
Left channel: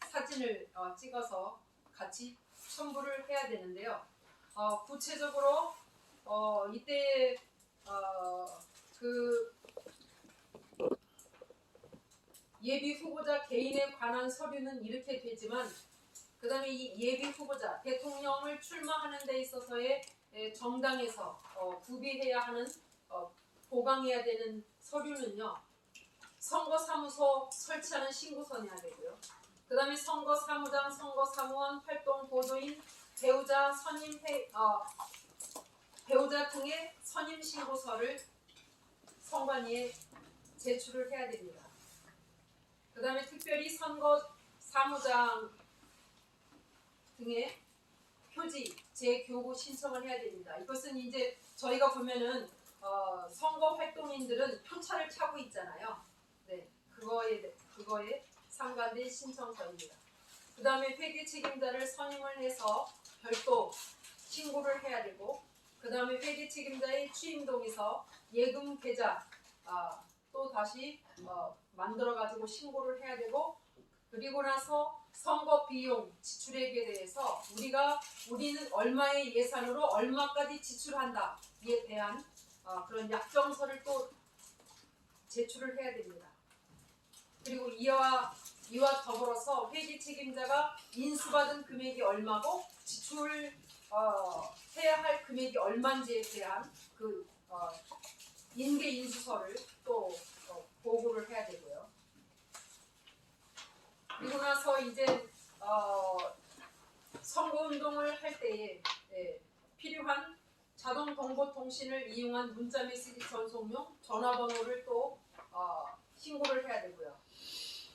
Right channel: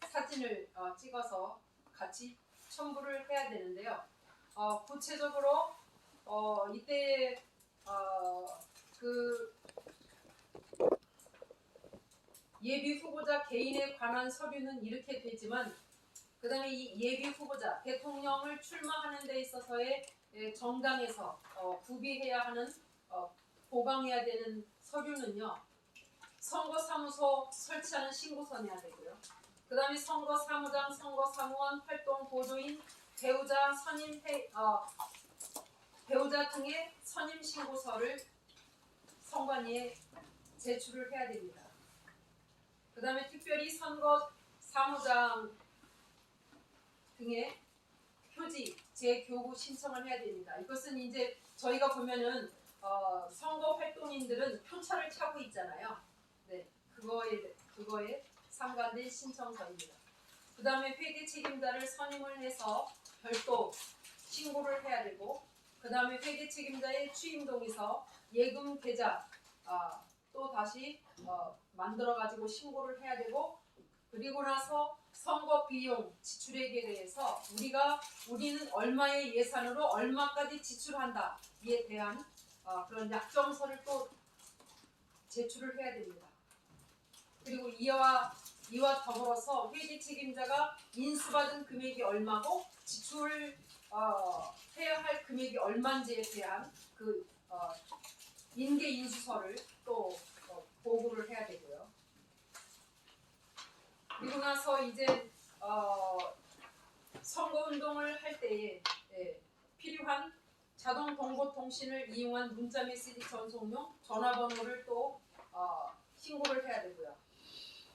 사진을 찍어서 같이 첨부를 해야 되는데요. 구체적으로 이때 그 예비 후보자 개인에 관한 서류는 이렇게 되지만 그 다음에 이 예비 후보자 대통령을 출마하는 데 있어서의 정당에서 구비해야 하는 보강해야 되는 서류는요. 선거사무소 설치하는 신고서 내야 되고요. 그 다음에 선거사무장, 선거사무원, 활동 보조인, 배우자, 배우자 등의 선임 신고서를 선관위에 제출을 해야 됩니다. 그 다음에 특별히 선거사무장 등의 표지 재교부 신청을 해야 됩니다. 이것은 이제 저희가 보면은 선거 활동인들은 표차를 차고 있잖아요. 네, 그거에 상관된 신청서입니다. 그 다음에 회계 책임자를 선임을 해서 별도 신고를 해야 되고, 그 다음에 회계 책임자의 취임 동의서, 예금 계좌 또 다시 만들어 가지고 신고를 해야 되고, 그리고 나서 선거 비용 지출액에 대해서 우리는 얼마의 예산으로 얼마까지 지출한다에 대한 그런 약정서를 또 제출을 해야 됩니다. 그리고 이와 더불어서 회계 책임자가 인수받은 금액이 얼마고 지출을 해야 할 금액이 얼마인지에 대한 그 인계 인수서를 또 보고를 해야 되고요. 그리고 나서 이제 선거운동을 할 때에 필요한 자동 정보 통신을 이용한 문자 메시지 전송용 전화번호를 또 신고를 해야 되고요.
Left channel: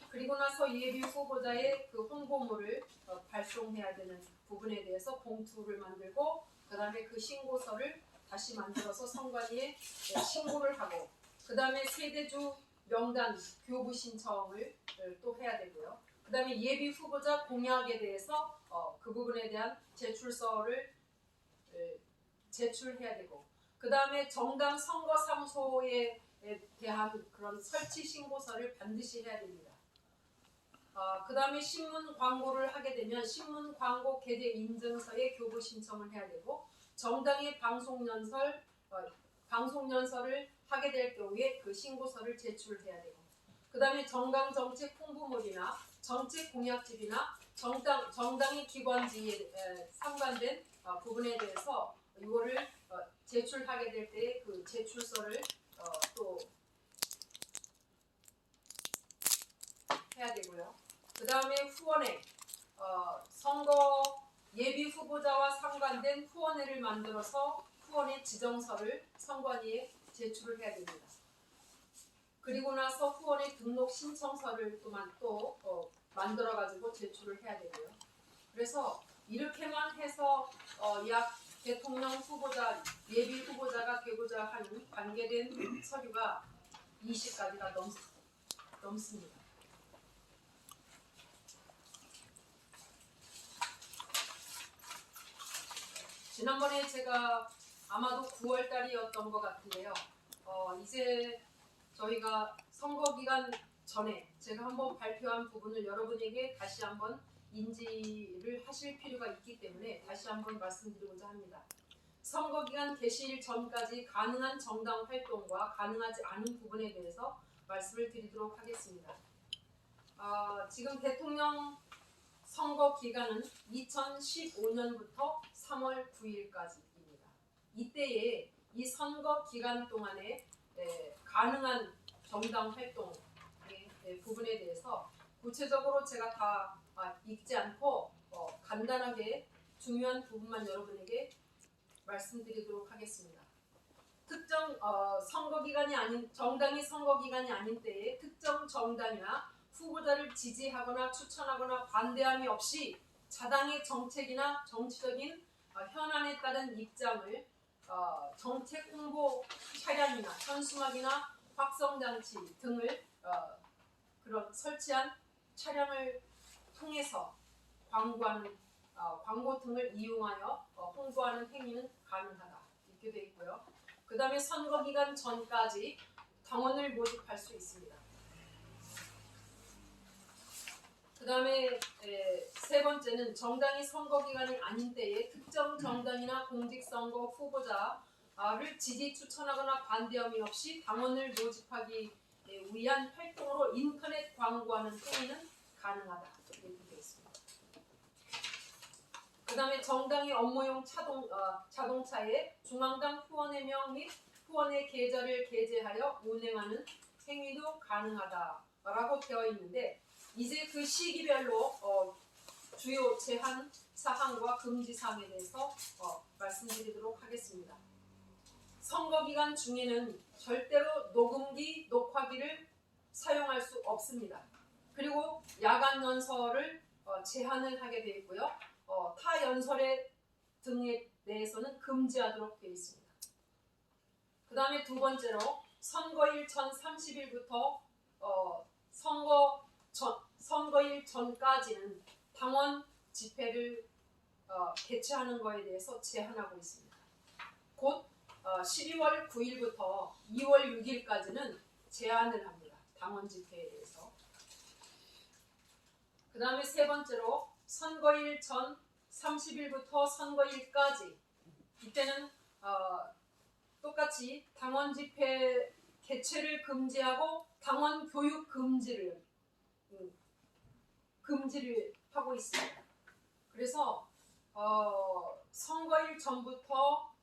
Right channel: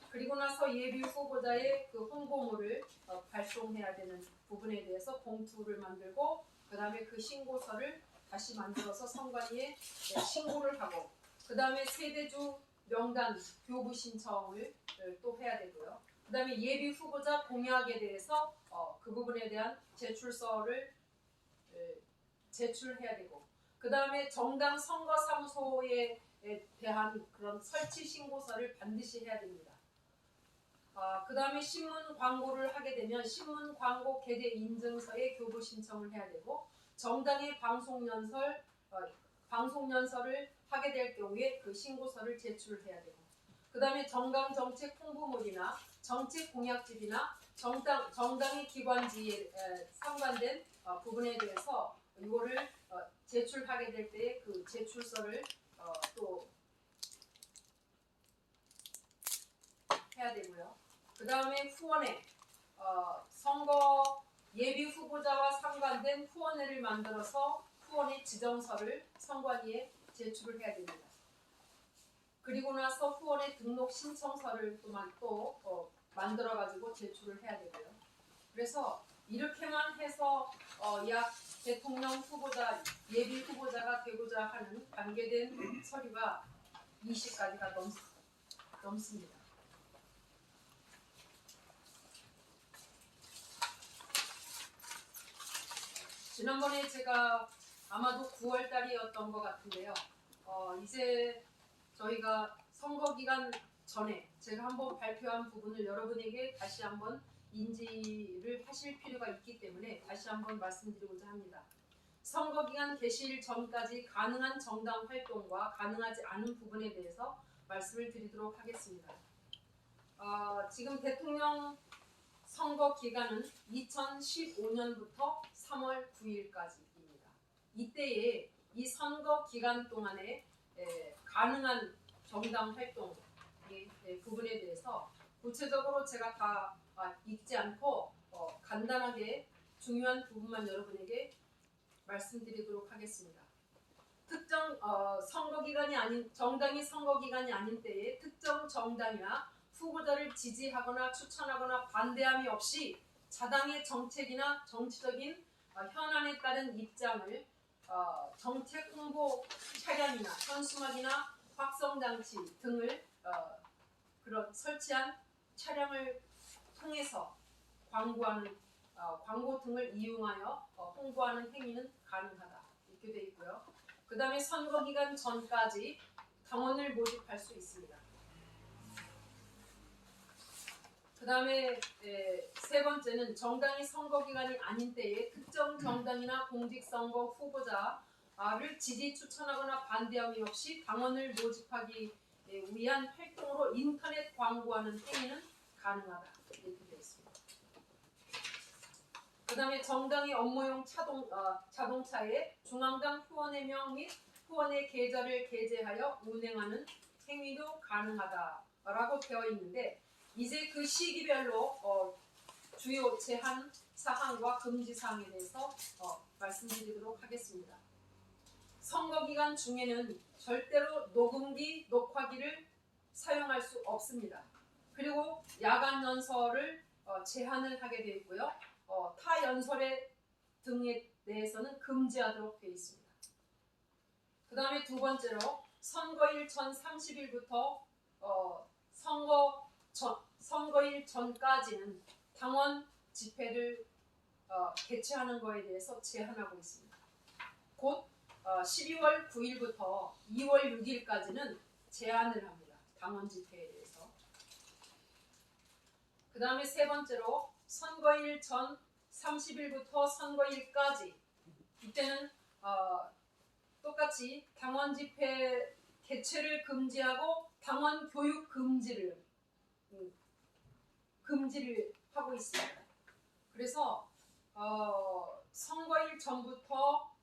그리고 나서 예비 후보자의 그 홍보물을 발송해야 되는 부분에 대해서 봉투를 만들고 그 다음에 그 신고서를 다시 만들어서 선관위에 신고를 하고 그 다음에 세대주 명단 교부 신청을 또 해야 되고요. 그 다음에 예비 후보자 공약에 대해서 그 부분에 대한 제출서를 제출해야 되고 그 다음에 정당 선거사무소에 대한 그런 설치 신고서를 반드시 해야 됩니다. 그 다음에 신문 광고를 하게 되면 신문 광고 게재 인증서에 교부 신청을 해야 되고 정당의 방송연설을 하게 될 경우에 그 신고서를 제출해야 되고 그 다음에 정당 정책 홍보물이나 정책 공약집이나 정당의 기관지에 상관된 부분에 대해서 이거를 제출하게 될 때 그 제출서를 또 해야 되고요. 그 다음에 후원회, 선거 예비 후보자와 상관된 후원회를 만들어서 후원회 지정서를 선관위에 제출을 해야 됩니다. 그리고 나서 후원회 등록 신청서를 또 만들어 가지고 제출을 해야 되고요. 그래서 이렇게만 해서 약 대통령 후보자, 예비 후보자가 되고자 하는 관계된 서류가 20가지가 넘습니다. 지난번에 제가 아마도 9월 달이었던 것 같은데요. 이제 저희가 선거 기간 전에 제가 한번 발표한 부분을 여러분에게 다시 한번 인지를 하실 필요가 있기 때문에 다시 한번 말씀드리고자 합니다. 선거 기간 개시일 전까지 가능한 정당 활동과 가능하지 않은 부분에 대해서 말씀을 드리도록 하겠습니다. 지금 대통령 선거 기간은 2015년부터 3월 9일까지입니다. 이때에 이 선거 기간 동안에 가능한 정당 활동 부분에 대해서 구체적으로 제가 다 읽지 않고 간단하게 중요한 부분만 여러분에게 말씀드리도록 하겠습니다. 특정 선거 기간이 아닌 정당이 선거 기간이 아닌 때에 특정 정당이나 후보자를 지지하거나 추천하거나 반대함이 없이 자당의 정책이나 정치적인 현안에 따른 입장을 정책 홍보 차량이나 현수막이나 확성장치 등을 그런 설치한 차량을 통해서 광고 등을 이용하여 홍보하는 행위는 가능하다 이렇게 되어 있고요. 그 다음에 선거 기간 전까지 당원을 모집할 수 있습니다. 그 다음에 세 번째는 정당이 선거 기간이 아닌 때에 특정 정당이나 공직선거 후보자를 지지 추천하거나 반대함이 없이 당원을 모집하기 위한 활동으로 인터넷 광고하는 행위는 가능하다 이렇게 되어 있습니다. 그 다음에 정당의 업무용 자동차에 중앙당 후원의 명 및 후원의 계좌를 게재하여 운행하는 행위도 가능하다라고 되어 있는데 이제 그 시기별로 주요 제한 사항과 금지 사항에 대해서 말씀드리도록 하겠습니다. 선거 기간 중에는 절대로 녹음기, 녹화기를 사용할 수 없습니다. 그리고 야간 연설을 제한을 하게 되어 있고요. 타 연설에 등에 대해서는 금지하도록 되어 있습니다. 그 다음에 두 번째로 선거일 전 30일부터 선거일 전까지는 당원 집회를 개최하는 것에 대해서 제한하고 있습니다. 곧 12월 9일부터 2월 6일까지는 제한을 합니다. 당원 집회에 대해서. 그 다음에 세 번째로 선거일 전 30일부터 선거일까지 이때는 똑같이 당원 집회 개최를 금지하고 당원 교육 금지를 하고 있습니다. 그래서 선거일 전부터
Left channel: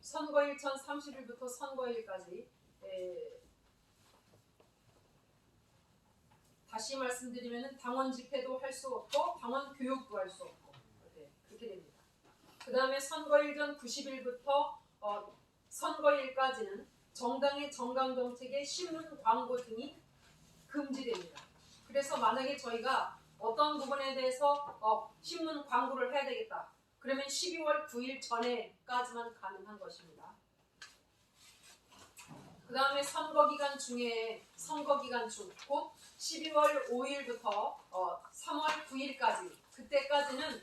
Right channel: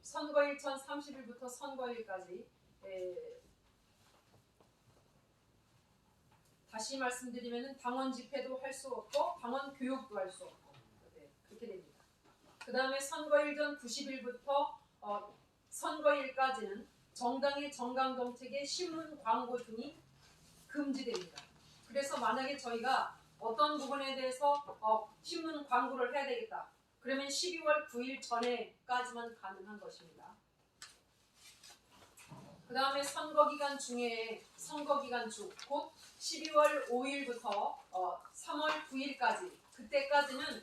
선거일 전 30일부터 선거일까지 다시 말씀드리면은 당원 집회도 할 수 없고 당원 교육도 할 수 없고 그렇게 됩니다. 그 다음에 선거일 전 90일부터 선거일까지는 정당의 정강 정책의 신문 광고 등이 금지됩니다. 그래서 만약에 저희가 어떤 부분에 대해서 신문 광고를 해야 되겠다. 그러면 12월 9일 전에까지만 가능한 것입니다. 그 다음에 선거 기간 중 곧 12월 5일부터 3월 9일까지 그때까지는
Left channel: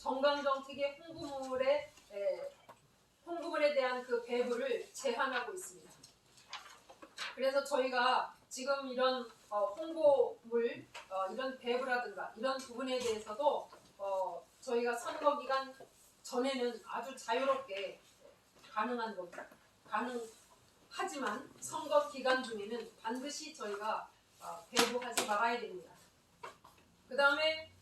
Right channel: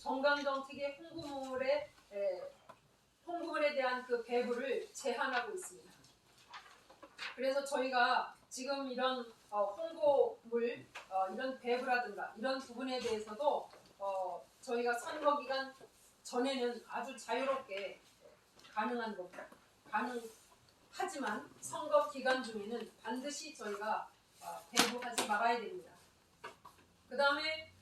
정강 정책의 홍보물에 대한 그 배부를 제한하고 있습니다. 그래서 저희가 지금 이런 홍보물, 이런 배부라든가 이런 부분에 대해서도 저희가 선거 기간 전에는 아주 자유롭게 가능한 겁니다. 가능하지만 선거 기간 중에는 반드시 저희가 배부하지 말아야 됩니다. 그 다음에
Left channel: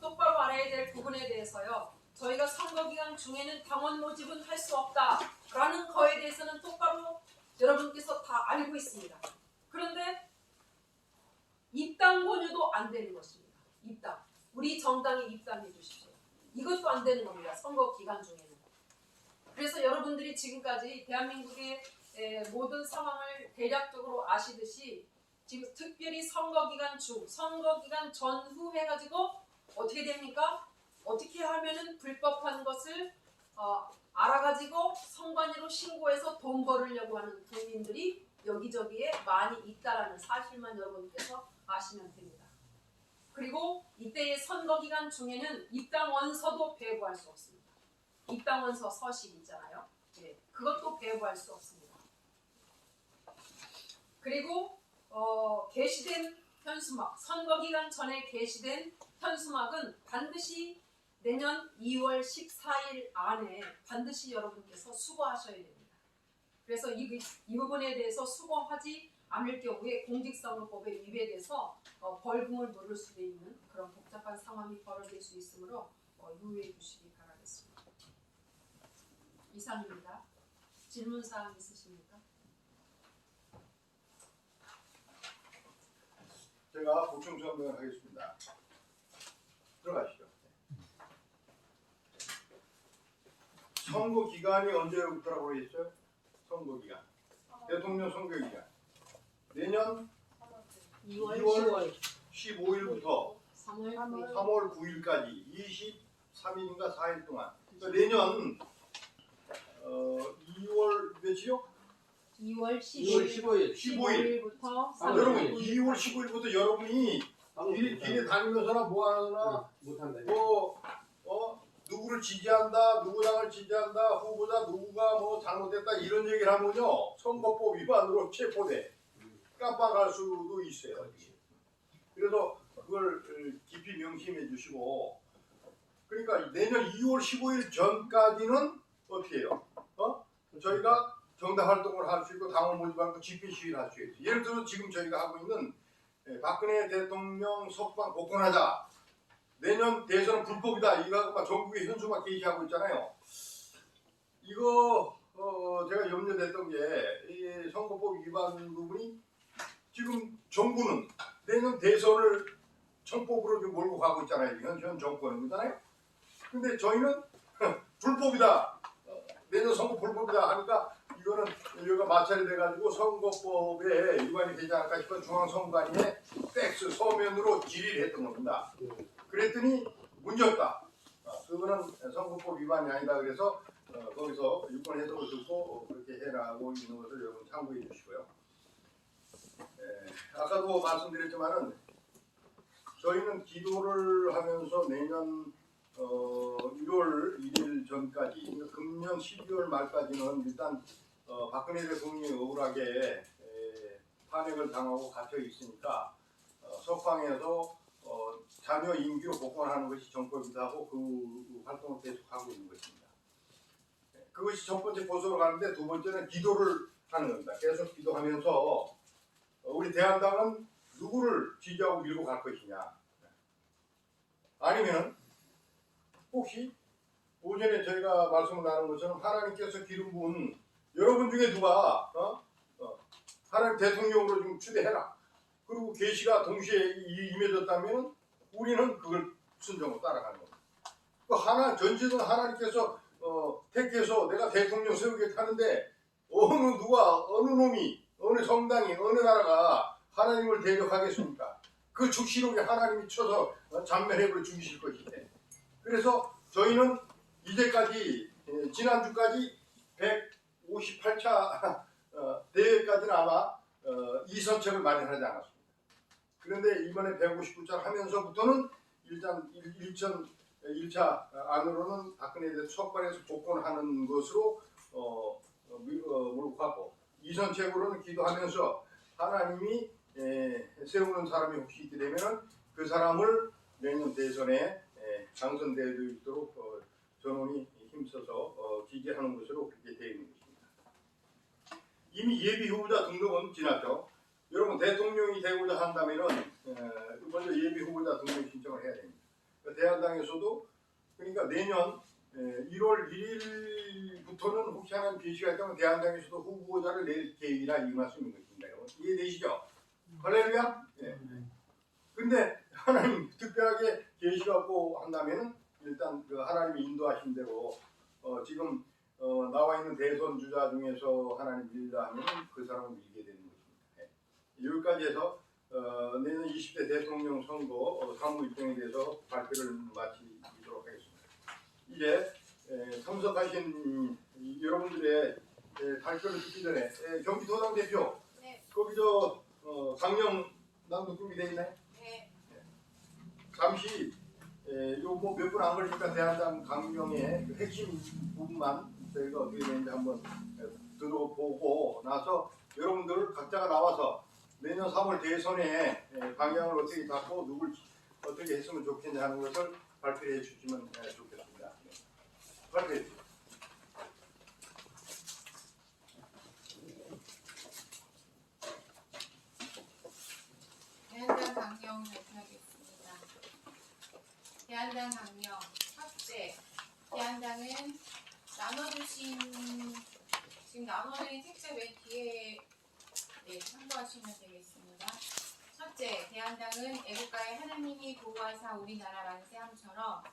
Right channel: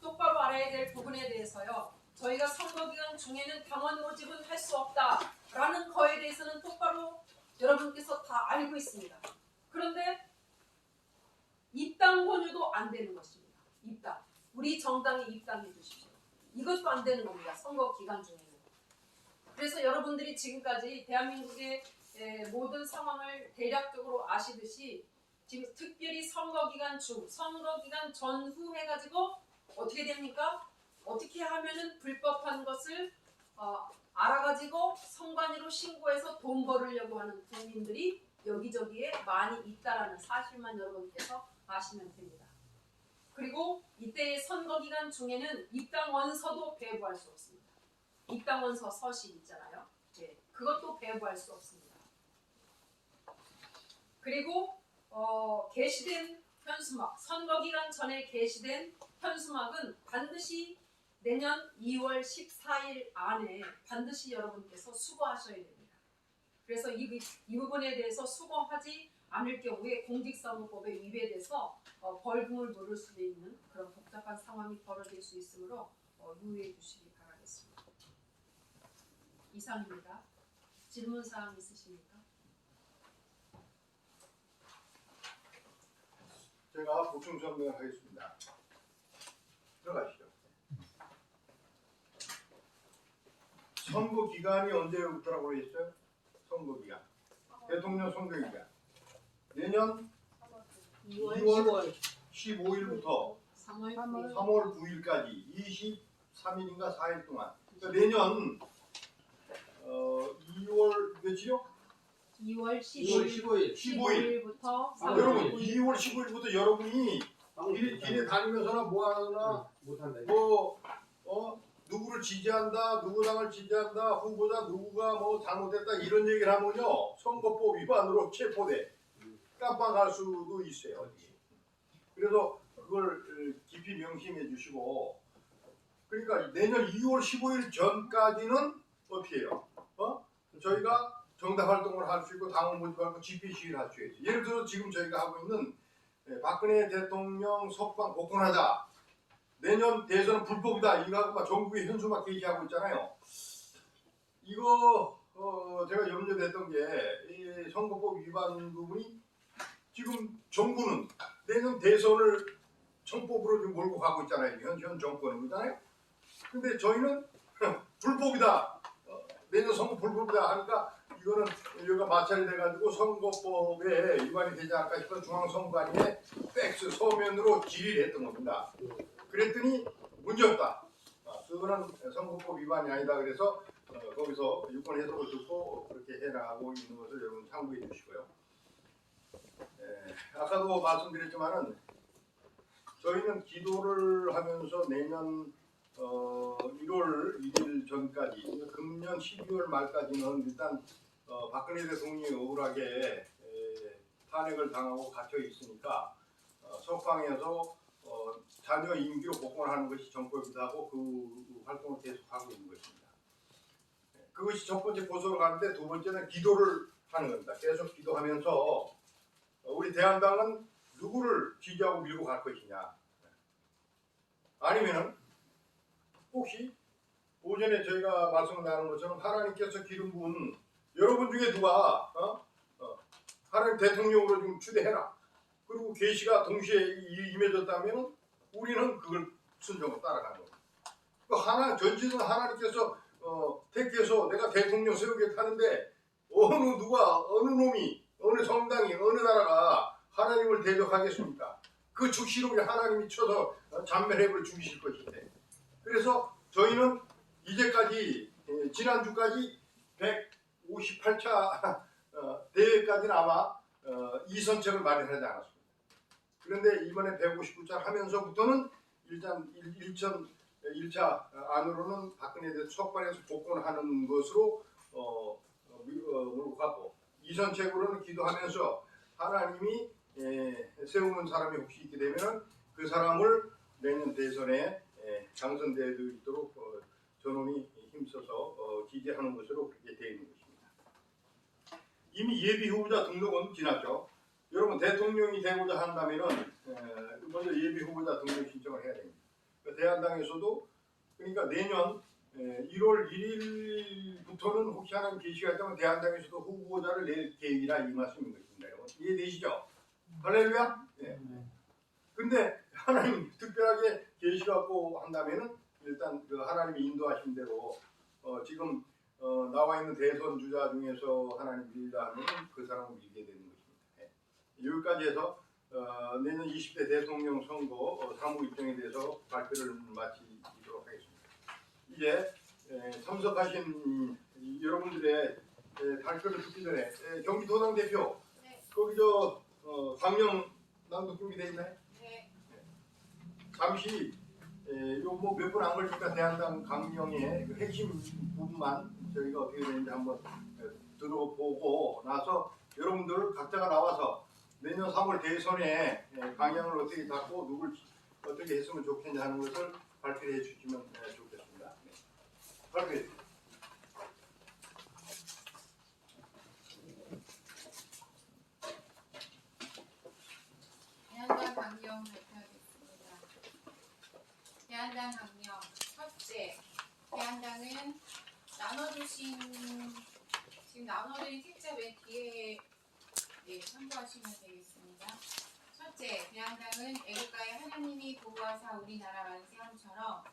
똑바로 알아야 될 부분에 대해서요. 저희가 선거 기간 중에는 당원 모집은 할 수 없다라는 거에 대해서는 똑바로 여러분께서 다 알고 있습니다. 그런데 입당 권유도 안 되는 것입니다. 입당. 우리 정당에 입당해 주십시오. 이것도 안 되는 겁니다. 선거 기간 중에는. 그래서 여러분들이 지금까지 대한민국의 모든 상황을 대략적으로 아시듯이 지금 특별히 선거 기간 중, 선거 기간 전후 해가지고 어떻게 됩니까? 어떻게 하면은 불법한 것을 알아가지고 선관위로 신고해서 돈 벌으려고 하는 국민들이 여기저기에 많이 있다라는 사실만 여러분께서 아시면 됩니다. 그리고 이때의 선거 기간 중에는 입당 원서도 배부할 수 없습니다. 입당 원서 서식 있잖아요. 네, 그것도 배부할 수 없습니다. 그리고 게시된 현수막, 선거 기간 전에 게시된 현수막은 반드시 내년 2월 14일 안에 반드시 여러분께서 수거하셔야 됩니다. 그래서 이 부분에 대해서 수거하지 않을 경우에 공직선거법에 위배돼서 벌금을 물을 수도 있는 그런 복잡한 상황이 벌어질 수 있으므로 유의해 주시기 바라겠습니다. 이상입니다. 질문사항 있으십니까? 제가 보충 설명을 하겠습니다. 들어가시죠. 선거 기간이 언제부터라고 그랬어요? 선거 기간. 대통령 선거 기간. 내년 2월 15일부터 3월 9일까지 23일인가 4일 동안. 그러니까 내년 2월 며칠이요? 2월 2월 15일 15일. 15일부터 여러분 3월 2월 15일부터 여러분이 길에 다니면서나 뭐 하거나 못한다. 누구를 지지한다, 누구 당을 지지한다, 후보자 누구가 뭐 잘못됐다 이런 얘기를 하면요 선거법 위반으로 체포돼 깜빡할 수도 있어요. 어디. 그래서 그걸 깊이 명심해 주시고 그러니까 내년 2월 15일 전까지는 어떻게 해요? 저희가 정당 활동을 할 수 있고 당원 모집하고 집회 시위를 할 수 있어요. 예를 들어서 지금 저희가 하고 있는 박근혜 대통령 석방 복권하자. 내년 대선은 불법이다. 이거 막 전국에 현수막 게시하고 있잖아요. 이거 제가 염려됐던 게 이 선거법 위반 부분이 지금 정부는 내년 대선을 청법으로 지금 몰고 가고 있잖아요. 현 정권이잖아요. 근데 저희는 불법이다. 내년 선거 불법이다 하니까 이거는 여기가 마찰이 돼가지고 선거법에 위반이 되지 않을까 싶어 중앙선관위에 팩스 서면으로 질의를 했던 겁니다. 그랬더니 문제없다. 그거는 선거법 위반이 아니다. 그래서 거기서 유권 해석을 듣고 그렇게 해나가고 있는 것을 여러분 참고해 주시고요. 아까도 말씀드렸지만은 저희는 기도를 하면서 내년 1월 1일 전까지 그러니까 금년 12월 말까지는 일단 박근혜 대통령이 억울하게 탄핵을 당하고 갇혀 있으니까 석방해서 자녀 임기로 복권하는 것이 정법이다 하고 그 활동을 계속하고 있는 것입니다. 그것이 첫 번째 보수로 가는데 두 번째는 기도를 하는 겁니다. 계속 기도하면서 우리 대한당은 누구를 지지하고 밀고 갈 것이냐 아니면은 혹시 오전에 저희가 말씀을 나눈 것처럼 하나님께서 기름 부은 여러분 중에 누가 하나님 대통령으로 좀 추대해라. 그리고 계시가 동시에 임해졌다면 우리는 그걸 순종으로 따라가는 겁니다. 그 전지는 하나님께서 택해서 내가 대통령 세우게 하는데 어느 놈이 어느 성당이 어느 나라가 하나님을 대적하겠습니까? 그 죽시록에 하나님이 쳐서 잔멸해버려 죽이실 것인데 그래서 저희는 이제까지 지난주까지 158차 대회까지는 아마 이선책을 마련하지 않았습니다. 그런데 이번에 159차 하면서부터는 일단 1차 안으로는 박근혜 대통령 석방해서 복권하는 것으로 몰고 가고 이선책으로는 기도하면서 하나님이 세우는 사람이 혹시 있게 되면 그 사람을 내년 대선에 당선될 수 있도록 전원이 힘써서 지지하는 것으로 그렇게 되어 있는 것입니다. 이미 예비 후보자 등록은 지났죠. 여러분 대통령이 되고자 한다면은 먼저 예비 후보자 등록 신청을 해야 됩니다. 대한당에서도 그러니까 내년 1월 1일부터는 혹시 하나님 계시가 있다면 대한당에서도 후보자를 낼 계획이라 이 말씀인 것입니다. 이해되시죠? 할렐루야? 네. 근데 하나님 특별하게 계시갖고 한다면은 일단 그 하나님이 인도하신 대로 지금 나와 있는 대선 주자 중에서 하나님 밀다 하면 그 사람을 밀게 되는 것입니다. 네. 여기까지 해서 내년 20대 대통령 선거 사무 일정에 대해서 발표를 마치도록 하겠습니다. 이제 참석하신 여러분들의 발표를 듣기 전에 경기도당 대표 네. 거기 강령 남도 준비되어 있나요? 네. 잠시 뭐 몇 분 안 걸리니까 대한당 강령의 그 핵심 부분만 저희가 어떻게 되는지 한번 들어보고 나서 여러분들 각자가 나와서 내년 3월 대선에 방향을 어떻게 잡고 누굴 어떻게 했으면 좋겠냐 하는 것을 발표해 주시면 좋겠습니다. 네. 발표해 주세요. 대한당 강령 발표하겠습니다. 대한당 강령 첫째, 대한당은 지금 나눠드린 책자 맨 뒤에 참고하시면 되겠습니다. 첫째, 대한당은 애국가의 하나님이 보호하사 우리나라 만세함처럼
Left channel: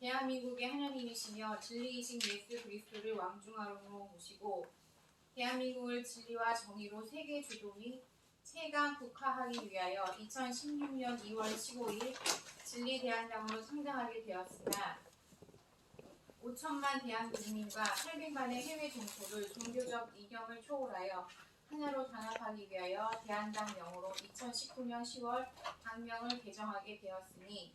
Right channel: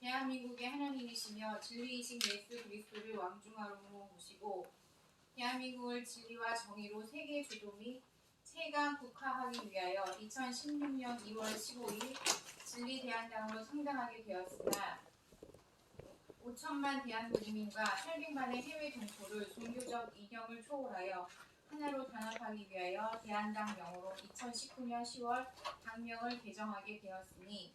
대한민국의 하나님이시며 진리이신 예수 그리스도를 왕중하로 모시고 대한민국을 진리와 정의로 세계 주도 및 최강 국화하기 위하여 2016년 2월 15일 진리대한당으로 성장하게 되었으나 5천만 대한 국민과 800만의 해외 동포를 종교적 이념을 초월하여 하나로 단합하기 위하여 대한당 명으로 2019년 10월 당명을 개정하게 되었으니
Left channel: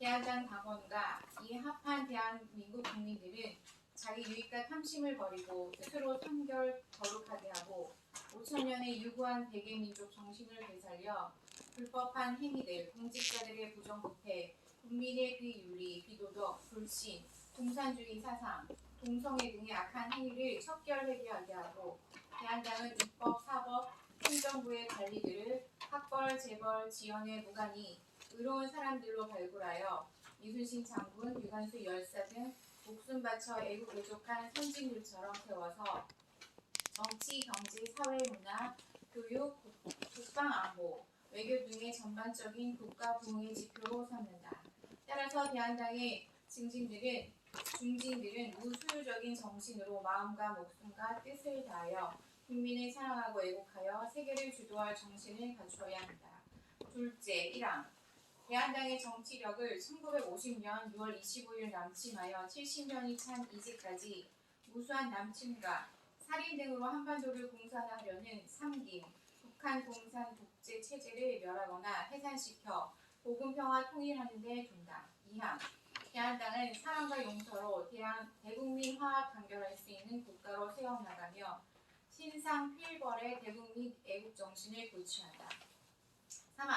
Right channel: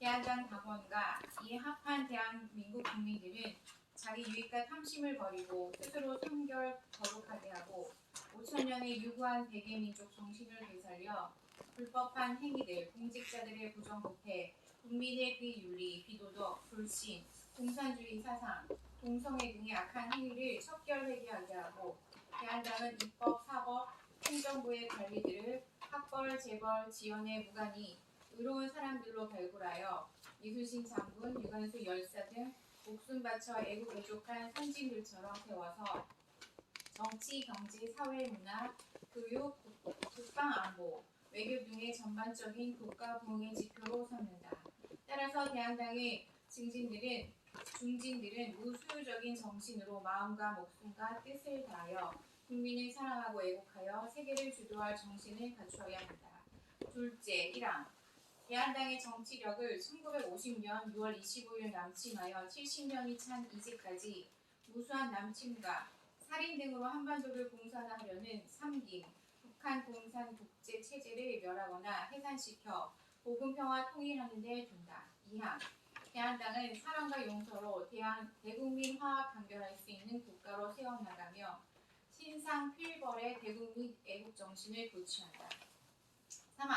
대한당 당원과 이에 합한 대한민국 국민들은 자기 유익과 탐심을 버리고 스스로 선결 거룩하게 하고 5천년의 유구한 백예민족 정신을 되살려 불법한 행위들, 공직자들의 부정부패, 국민의 비윤리, 비도덕, 불신, 공산주의 사상, 동성애 등의 악한 행위를 척결해결하게 하고 대한당은 입법, 사법, 행정부의 관리들을 학벌, 재벌, 지연에 무관히 의로운 사람들로 발굴하여 이순신 장군, 유관수 열사 등 목숨 바쳐 애국애족한 선진들처럼 세워서 정치, 경제, 사회, 문화, 교육, 국방안보, 외교 등의 전반적인 국가 부흥의 지표로 삼는다. 따라서 대한당의 중진들은 무수유적인 정신으로 마음과 목숨과 뜻을 다하여 국민을 사랑하고 애국하여 세계를 주도할 정신을 갖추어야 한다. 둘째, 1항 대한당의 정치력을 1950년 6월 25일 남침하여 70년이 찬 이제까지 무수한 남침과 살인 등으로 한반도를 공산화하려는 삼김, 북한 공산 독재 체제를 멸하거나 해산시켜 보금평화 통일하는 데 둔다. 2항 대한당은 사랑과 용서로 대국민 화합 단결할 수 있는 국가로 세워나가며 신상 필벌의 대국민 애국 정신을 고취한다. 3항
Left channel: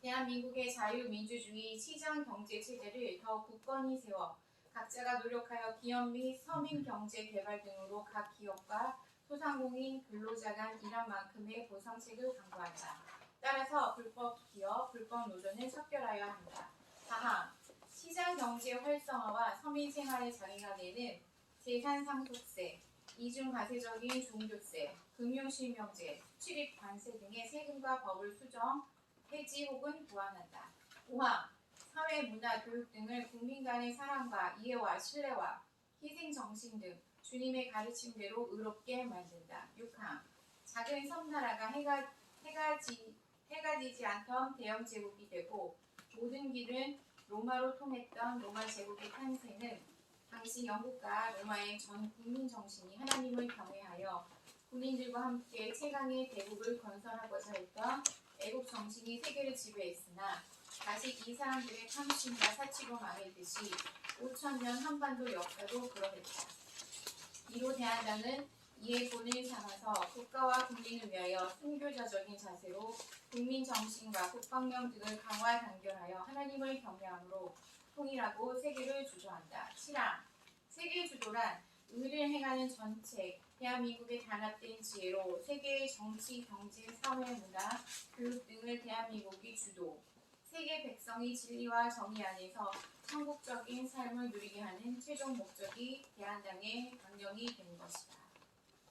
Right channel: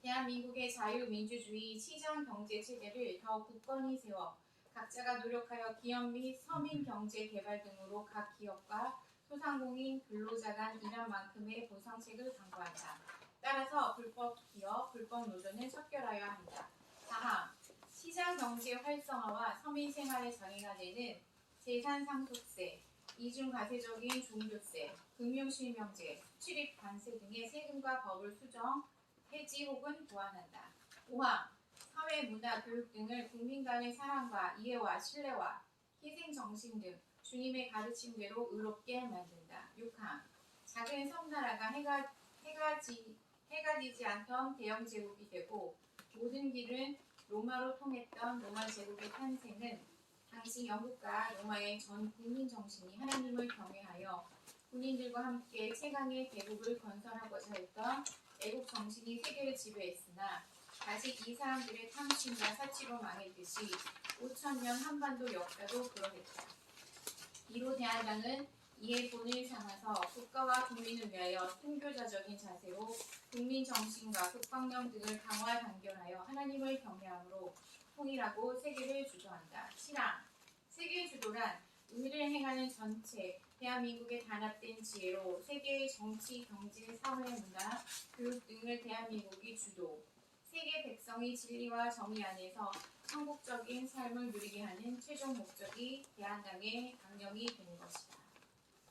대한민국의 자유민주주의 시장 경제 체제를 더 굳건히 세워 각자가 노력하여 기업 및 서민 경제 개발 등으로 각 기업과 소상공인 근로자 간 일한 만큼의 보상책을 강구한다. 따라서 불법 기업, 불법 노조는 척결하여야 한다. 4항 시장 경제 활성화와 서민 생활의 장애가 되는 재산 상속세, 이중과세적인 종교세, 금융실명제, 수출입 관세 등의 세금과 법을 수정, 폐지 혹은 보완한다. 5항 사회, 문화, 교육 등을 국민 간의 사랑과 이해와 신뢰와 희생정신 등 주님의 가르침대로 의롭게 만든다. 6항 작은 섬나라가 해가 지지 않던 대영 제국이 되고 모든 길은 로마로 통했던 로마 제국의 탄생은 당시 영국과 로마의 전 국민 정신이 하나님을 경외하여 군인들과 함께 최강의 대국을 건설하고자 했던 애국 정신이 세계를 지배했으나 다시 이 사람들의 탐심과 사치로 망했듯이 5천년 한반도 역사도 그러했다. 이로 대한당은 이에 본을 삼아서 국가와 국민을 위하여 순교자적인 자세로 국민 정신과 국방력 등을 강화 단결하여 하나님을 경외함으로 통일하고 세계를 주도한다. 7항 세계 주도란 의를 행하는 전체 대한민국의 단합된 지혜로 세계의 정치, 경제, 사회, 문화, 교육 등을 대한민국이 주도 세계 백성이 진리와 정의 안에서 천국적인 삶을 누리게 하는 최종 목적이 대한당의 강령이 되는 것이다.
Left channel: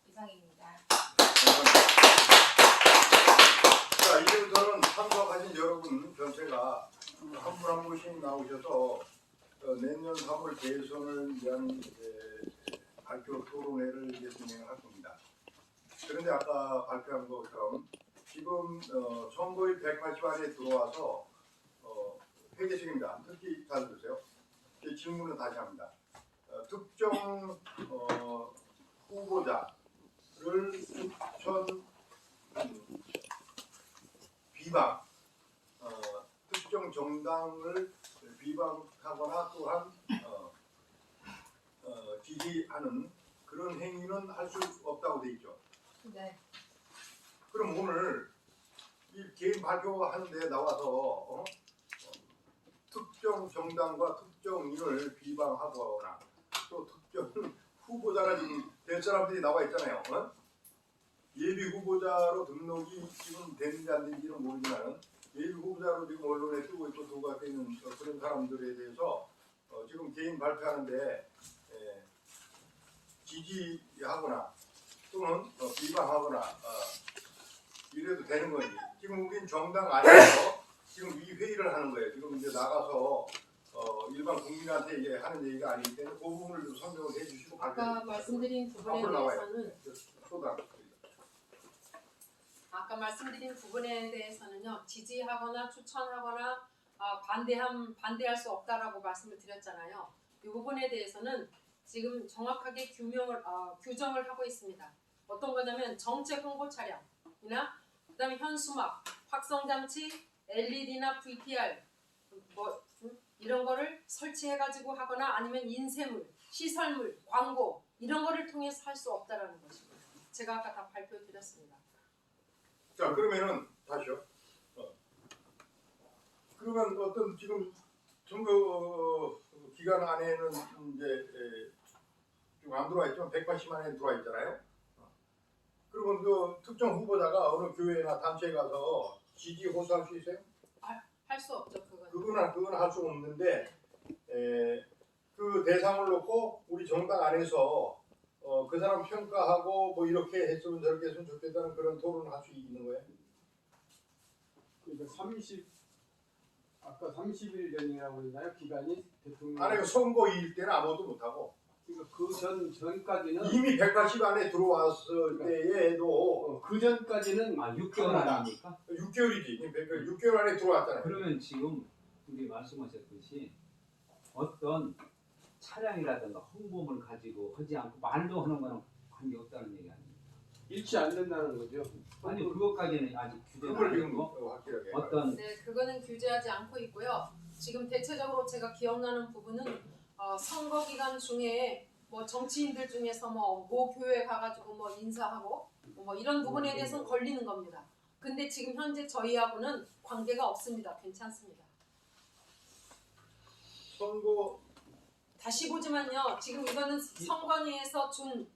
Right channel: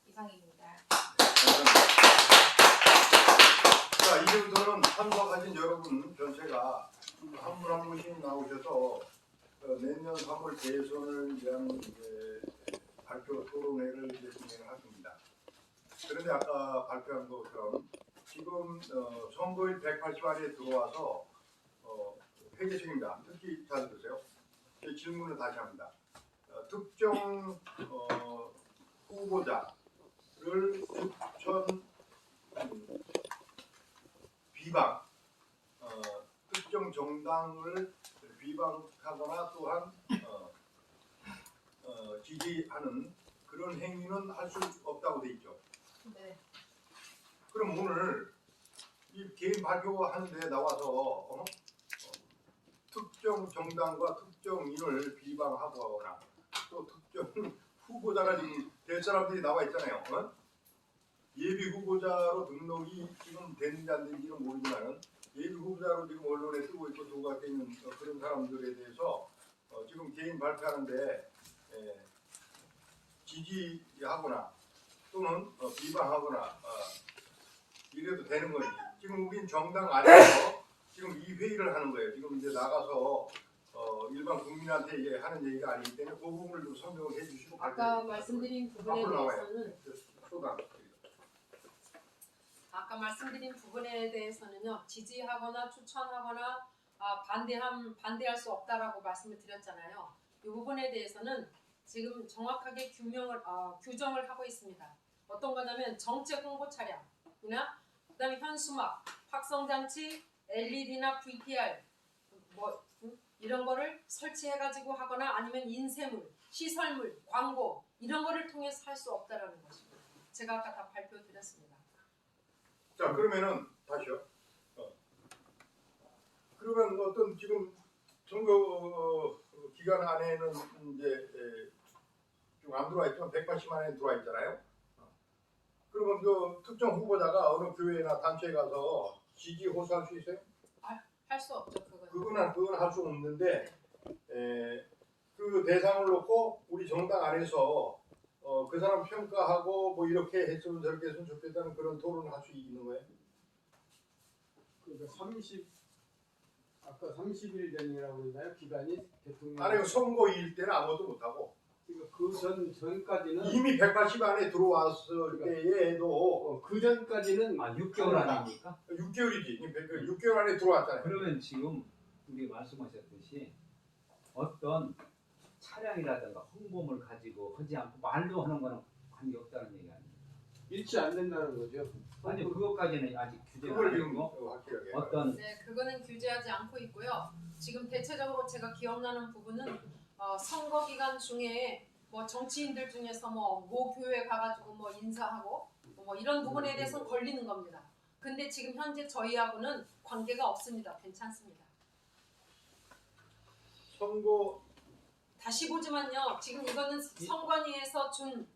이상입니다. 자, 이제부터는 참석하신 여러분 전체가 한 분 한 분씩 나오셔서 내년 3월 대선을 위한 이제 발표 토론회를 이제 진행할 겁니다. 그런데 아까 발표한 것처럼 지금 선거일 180안에 들어와서 회계 중입니다. 특히 잘 들으세요. 제 질문을 다시 합니다. 특정 후보자를 추천 비방, 특정 정당을 비방하거나 또한 지지하는 그런 행위는 할 수 없다고 돼 있죠. 네. 그럼 오늘 이 개인 발표하는데 나와서 특정 정당과 특정인을 비방하거나 또 특정 후보자가 지금 될 사람들이 나와 있잖아요. 예비 후보자로 등록이 지금 되는지 안 되는지는 모르지만 예비 후보자로 지금 언론에 뜨고 있고 도가 있는 그런 사람들에 대해서 지금 개인 발표하는데 지지하거나 또는 비방하거나 이래도 되는 거지. 지금 우린 정당 안에서 지금 이 회의를 하는 거예요. 지금 이제 나가서 일반 국민한테 이제 하는 얘기가 아니기 때문에 그 부분을 좀 설명을 해주시고 아까 말씀드린 부분에 앞으로 나와요. 대해서는 아까 말씀드린 부분에 대해서는요, 지지하거나 추천하거나 반대할 수 없다라고 말씀을 드렸잖아요. 이 부분에 대해서는 지금 정확하게 규정을 하고 있습니다. 어떤 거냐면 정책 홍보 차량이나 그다음에 현수막, 확성장치, LED나 VTR 이런 거를 설치해가지고 하거나 아니면 인쇄물, 시설물, 광고 이런 거를 통해서 할 수 없다라는 것입니다. 제가 아까 다 발표드렸습니다. 자 그러면은 다시요. 그러면 어떤 지금 선거 기간 안에는 이제 좀 안 들어와 있지만 180만 원 들어와 있잖아요. 그러면 그 특정 후보자가 어느 교회나 단체에 가서 지지 호소할 수 있어요? 할 수 없죠 그건. 그건 할 수 없는데 그 대상을 놓고 우리 정당 안에서 그 사람 평가하고 뭐 이렇게 했으면 저렇게 했으면 좋겠다는 그런 토론을 할 수 있는 거예요? 그러니까 아까 30일 전이라고 했나요? 기간이 대통령. 아니 선거일 때는 아무것도 못하고 그러니까 그 전까지는 이미 180 안에 들어왔을 때에도 그 전까지는 6개월 아닙니까? 6개월이지. 6개월 안에 들어왔잖아요. 그러면 지금 우리 말씀하셨듯이 어떤 차량이라든가 홍보물 가지고 하지 않고 말도 하는 거는 관계없다는 얘기 아닙니까? 일치 안 된다는 거죠. 아니 그것까지는 아직 규제가 그걸 안 지금 되고 확실하게 어떤 네, 그거는 규제하지 않고 있고요. 지금 대체적으로 제가 기억나는 부분은 선거 기간 중에 뭐 정치인들 중에서 모 교회 가가지고 뭐 인사하고 뭐 이런 부분에 대해서는 걸리는 겁니다. 근데 지금 현재 저희하고는 관계가 없습니다. 괜찮습니다. 선거 다시 보지만요. 지금 이거는 선관위에서 준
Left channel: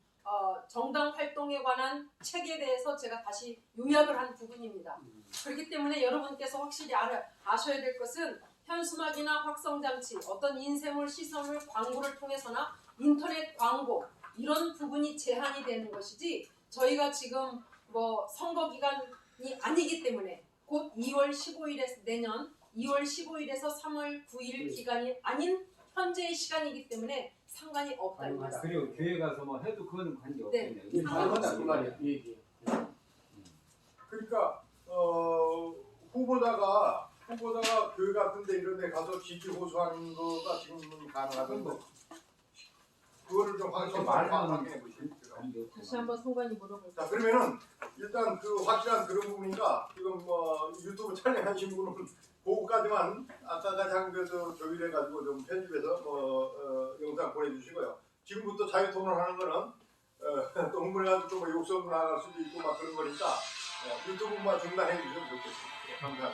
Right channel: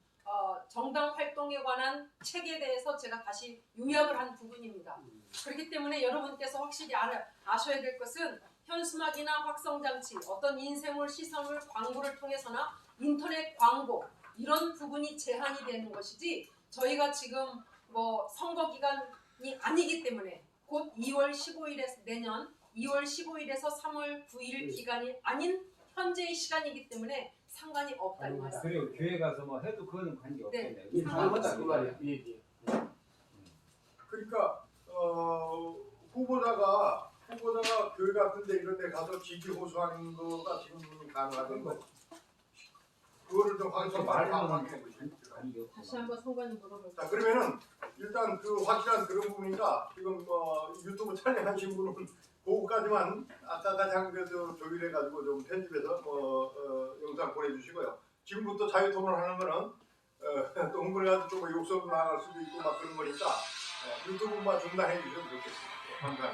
정당 활동에 관한 책에 대해서 제가 다시 요약을 한 부분입니다. 그렇기 때문에 여러분께서 확실히 아셔야 될 것은 현수막이나 확성장치, 어떤 인쇄물, 시설물, 광고를 통해서나 인터넷 광고 이런 부분이 제한이 되는 것이지 저희가 지금 뭐 선거 기간이 아니기 때문에 곧 2월 15일에서 내년 2월 15일에서 3월 9일 기간이 아닌 현재의 시간이기 때문에 상관이 없다입니다. 그리고 교회 가서 뭐 해도 그거는 관계 네. 없겠네요. 잘못한 그 말이야. 얘기. 그러니까 후보자가 교회 같은데 이런 데 가서 지지 호소하는 거가 지금 가능하던 거. 그거를 좀 확인해 보시죠. 다시 한번 선관위 물어볼게요. 자 그러면은 일단 그 확실한 그런 부분이니까 지금 유튜브 촬영하신 분은 그거까지만 아까까지 한 것도 조율해가지고 좀 편집해서 영상 보내주시고요. 지금부터 자유 토론하는 거는 또 흥분해가지고 좀 욕설로 나갈 수도 있고 막 그런 거니까 유튜브만 중단해 주시면 좋겠습니다. 감사합니다.